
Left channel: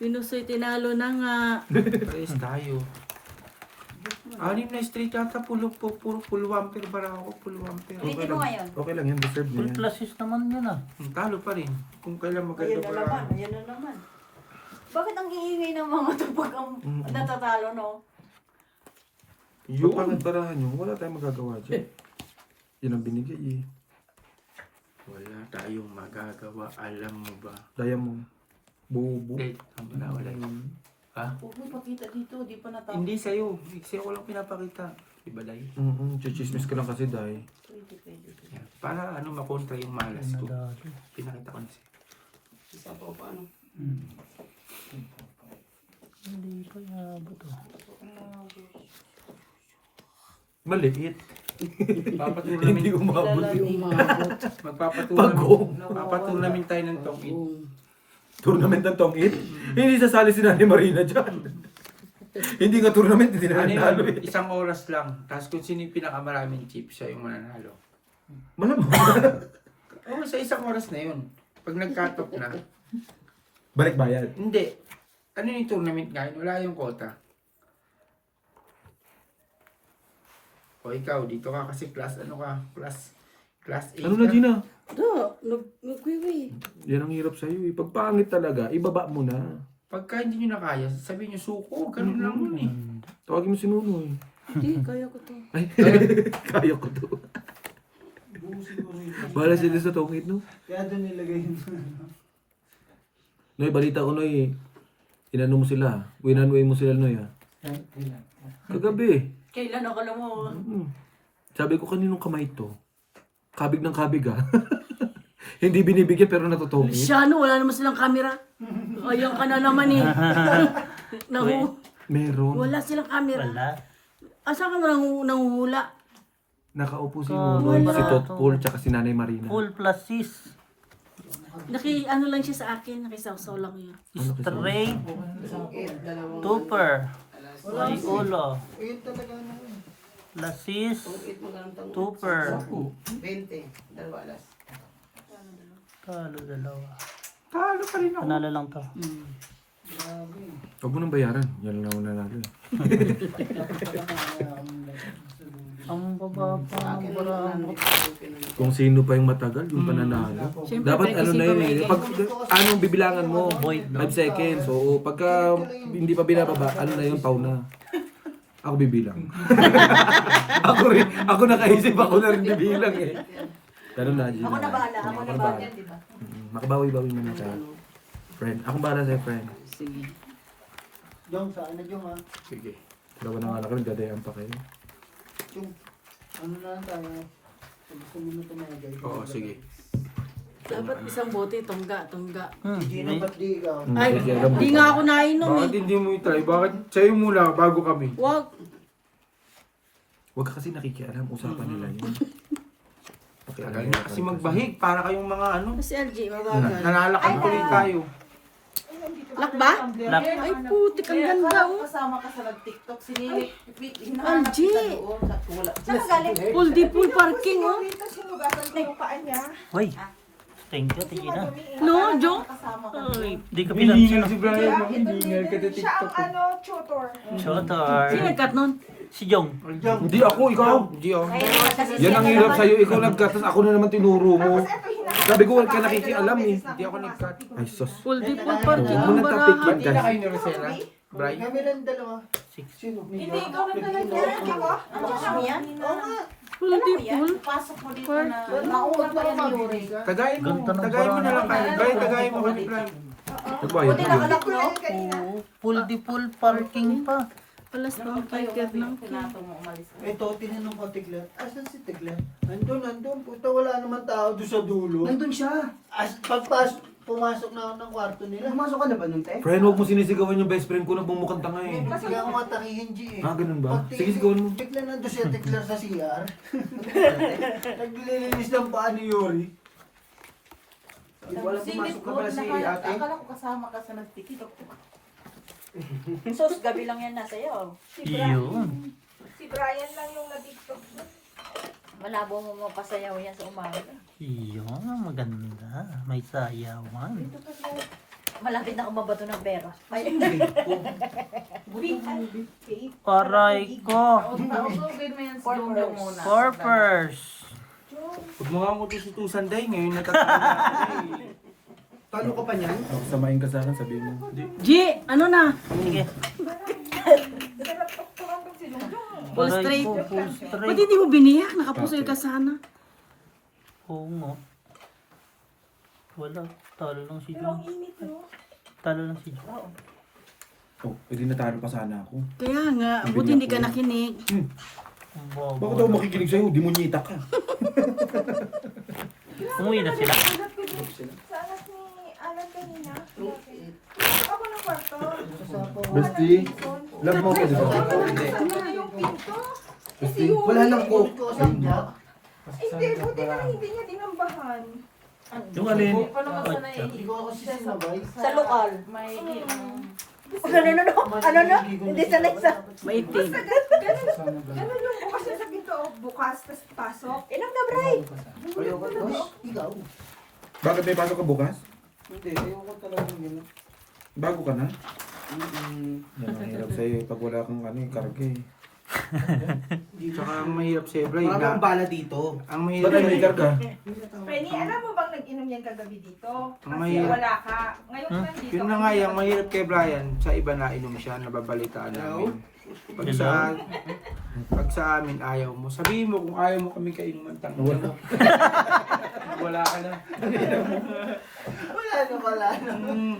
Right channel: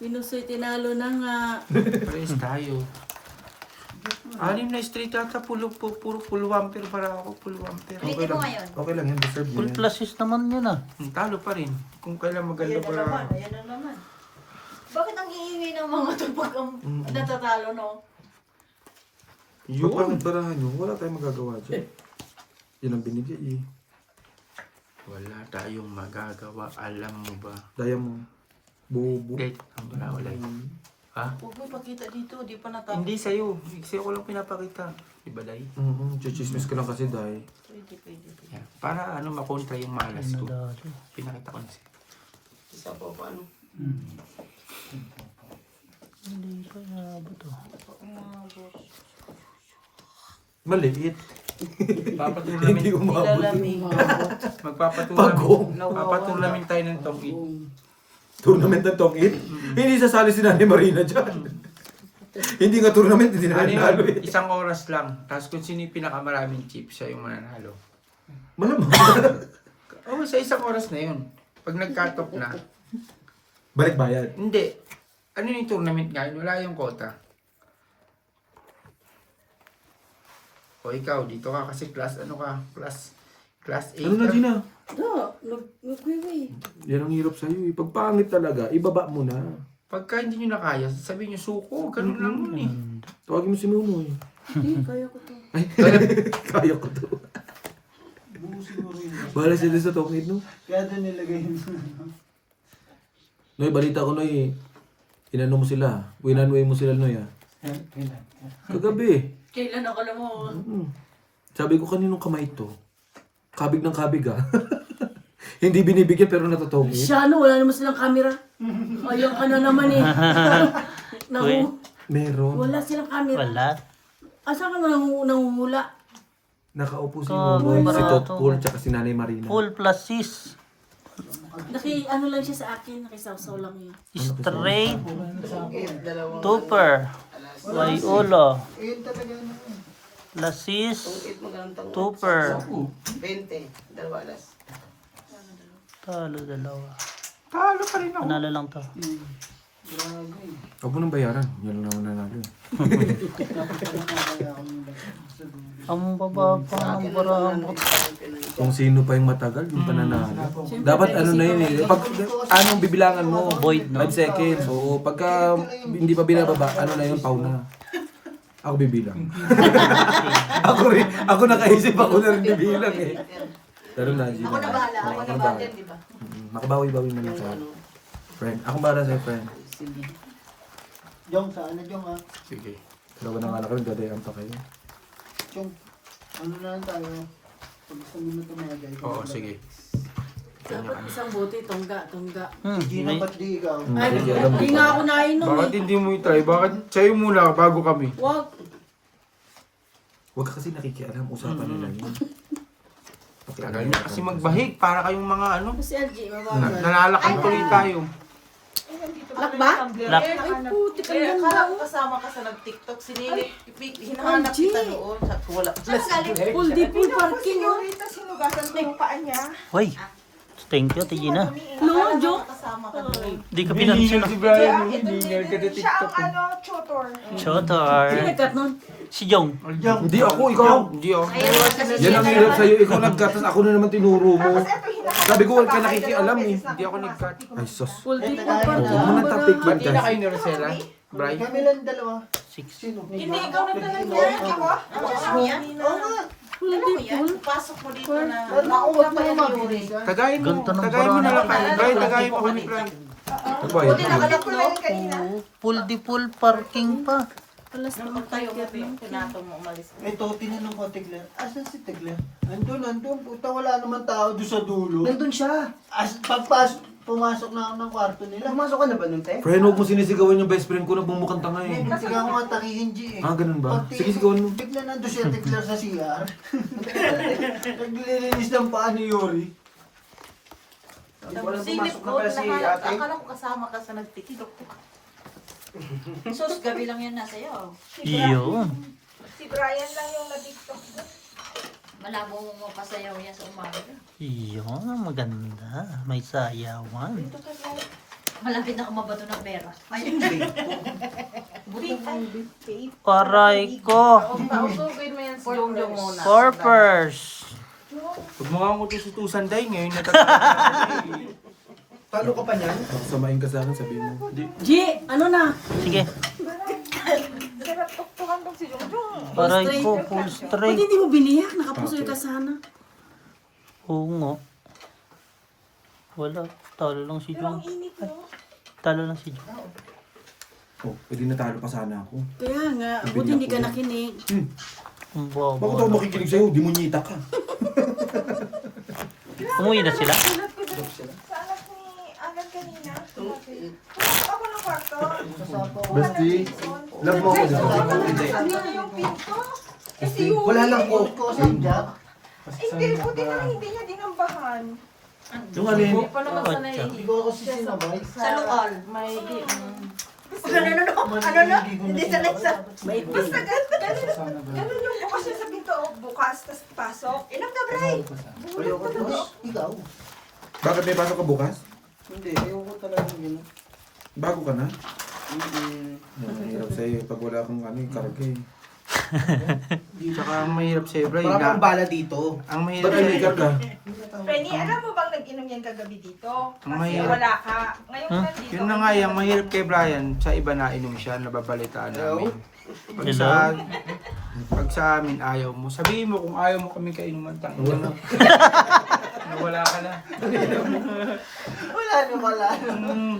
Pinusoy tinalo na nga. Pares tayo. 6 na straight ata. Puro ampere para ako. Puro ampere. Okay lang. ngayon. Okay lang yan. Deserve Full niya yan. pluses naman yun ah. Talo pa rin. Kung kailan maganda para. Ayan na naman. Bakit ang iingay ng mga to pag ang natatalo, no? Yung pangit barahan nyo, wala tayong magagawa dyan. Yan ang binigay eh. Wala tayong magagawa. Alam mo ba? Diamond. Bobo. Eh, wala. Ha? Huwag mo ipakita dito, di pa natapos. Hindi sa'yo. Sa'yo ko lang pinapakita. Diba, Lai? Chichismis ka lang kasi dahil. Pwede. Yeah. Para makontra yung malas ko. Nadalo. Pinakita ko na siya. Isa pa paano? Hindi pa yabot oh. Maliit. Papatulamin. Hindi umabot. Magpapatulamin. Papatulamin tayo ng tokit. Tournament ng tongit? Hindi sasali si Nanay Marina dyan. Hindi nga tournament, hindi na nanalo eh. Isang oras lang. Tapos kung sino yung pinakamaraming chip, siya yung mananalo. Malamang. Oo, sa isang oras na yun. Pag nag-cut off na. Balik bayad. Hindi. Ano yung tournament ngayon? Wala yung quota. O ikaw, dito ka kasi class class 8 Ano na, Gina? Nagwiwi. Yan ang hirap sa'yo eh. Pag pangit talaga, ibaba mo na. Pagka hindi nyo na kaya, sabihin nyo suko. Ganun lang yun eh. Tawagin mo si Nunoy. Hindi, kaya ko to. Ay, kaya ko to. Bahala siya din sa tongit, no? Kaya doon nilagay yun. Noy, balita ko, Noy. Inano mo sila. Winanway mo sila, Noy, ah. Kagabi. Kailan ako na mo? Sabi ko, kaninong kamay to? Kabig ng kabig, ah. Hindi binibigyan pero natutongit. Siya, no, wala naman silang camera. Ayaw ka na naman eh. Meron. Wala silang camera. Wala. Asa ka nanguhula? Nakaupo si Kagay, Nunoy, si barato. Totpol, tsaka si Nanay Marina. Full pluses. Ano lang siya sa akin, nakisaw-saw lang yun. Straight. Tupper. Loyola. Lasis. Tupper. 20, dalawa alas. Talo dalawa. Talo pa rin ako. Panalo lang to. Huwag mo nang bayaran. Yan lang naman nanalo eh. Ang baba pa ng baramot. Kung sino pa yung matagal, yung pananalo. Dapat ano na yun eh. Pag anong bibilangan mo? Void, no? 5 seconds. Oo. Pagka hindi pa binababa, ano na yun, pau na. Ako bibilang. ako nakaisip, ako na rin bibilang eh. Ganun na, Gina. Ako na bahala. Oo, Ako ako na na bahala. bahala, di ba? Makabawi-bawi mo na tayo. Friend. Akong bahala sa'yo, friend. Sige. Jong, saan na Jong ha? Sige. Dalawa na nga lang kayo, dadayan pa kayo. Jong, ano na lang tayo? Pag gusto mo na tumagay. Oo, sige. Dapat isang bote, tungga. Gino, May ba't di ikaw? Nakikialam Hindi mo nga pa. ako nainom Bakit eh. hindi mo itry? Bakit sa'yo muna bago kami? Wag. Huwag ka kasi nakikialam, usapan nila yun. Tagal na kasi magbahig para kayong mga ano. Kasi LG, wag. Nalalakad tuloy tayo. ba? Lock. Ay, putik ang Kaya ganda. akala ko kasama ka sa nag-TikTok. Hinahanap kita doon. Sabi ko, wala. Full di full parking, oh. Rita, sinugasan ko yung paa niya. Uy, thank you, Tigina. No, joke. Kasama ka doon. Di ka pinansin. Si Brian, hiningal ka na Siya ang TikTok. tutor. Chotor. Sino nagkat nun? Si Jong. Hindi ako, ikaw. Hindi ako. Yan ang hirap sa'yo. Ikaw nagkatas, ako na naman tinuro mo. Sabi ko, wala ka nakikialam eh. Hindi ako nag-cut. Ay, sus. Full di full Oh, parking. huwag mo nang topic yan, Pati na guys. kayo ni Rosella? Brian? Kami lang dalawa. Sino? Hindi, ikaw na talaga. Niya? Oo nga. Full di full. Pasok mo dito na. Pero Nauna pa nakuha yung naman. libre. Tagayin mo. Ganito ng Tagayin mo na lang. paraan. Brian, tagayin mo kami, Brian. Nagbayad Buti mo. nakalak, no? Oo, full di full parking pa. Alas Nung ng tayo pagkat mo, ng pinatong mo umalis. Ito, tinanong ko Tigler. Asan si Tigler? Nandun. Puta, wala naman tao doon sa dulo. Nandun siya. Pumasok na ako ng kwarto nila. Pumasok ka na ba nun, te? Friend, huwag mo sinisigawan yung best friend ko na bumukhang tanga eh. Kasi nga mga takihin G eh. Ah, ganun ba? Pagtingin Sige, sigawan mo. Bigla nandun siya Tigler sa CR. Naglilinis ng paa ni Yuri. Silip ko, akala ko kasama ka sa nag-TikTok. Sos, gabi lang yan nasa iyo. Iyon. Si Brian lang yung nag-tiktok. Malabo mo mapasayaw yan sa umaga. Iyon, maganda. May sayawan. Malapit na kumabato ng pera. Ay, Aray ko. Pausugin mo yan si Jongjong muna. Corpers. Huwag mo nga mo tusutusan dahil ngayon natatawa. Paano ka pa niyan? Samain ka sa akin, sabihin mo. G, ano na? Sige. Sarap tuktukan tong si Jongjong. Aray ko, full Ba't straight. hindi mo biniyak? Nakapusoy ka sana. Oo nga. Wala. Talo lang si Pero Jong. ang init, no? Talo lang si Jong. Oh, pwede natalo pa sana ako. Kaya nga, Ang buti hindi ka binyak ko. nakinig. Ang bobo. Bakit ako makikinig sa'yo? Dimunyita ka. Umuwi na sila. Sa anak ni Alan kanina. Bakit? Ako ng kwarto. Bestie, love mo ko, di ba? Ano yung pinto? Kasi yung Wala lang po. hindi, buti na hindi niya dinambahan. Yung alin? Hindi pa naman sana Ikaw ako si Sinabay. Sa lokal. May di. Hindi sanay sa... May Basta pin. ganun yung bukas yung sa pinto, bukas, tapos pasok. Ilang na, Bray? Ikaw? Bakit may pasok ka bukas? Hindi, ayoko talaga yun. Bago ka na? Yan ang hirap sa'yo pag wala kang karga eh. Tsaka ang mahirap sa'yo, Brian. Parang na- ang bala dito. Ang mahirap Ba't ay may karga? Frenny, alam mo bang nag-inom yan kagabi dito? Kasi Mahirap. wala ka. Ngayon Huh? nandito. Yun na nga yung mahirap kay Brian, sa iba na inom siya, nababalitaan namin. Pag sa amin ayaw mo, sabihin mo kung ayaw mo kami kainuman tang. Wala ka na. Wala. Mm,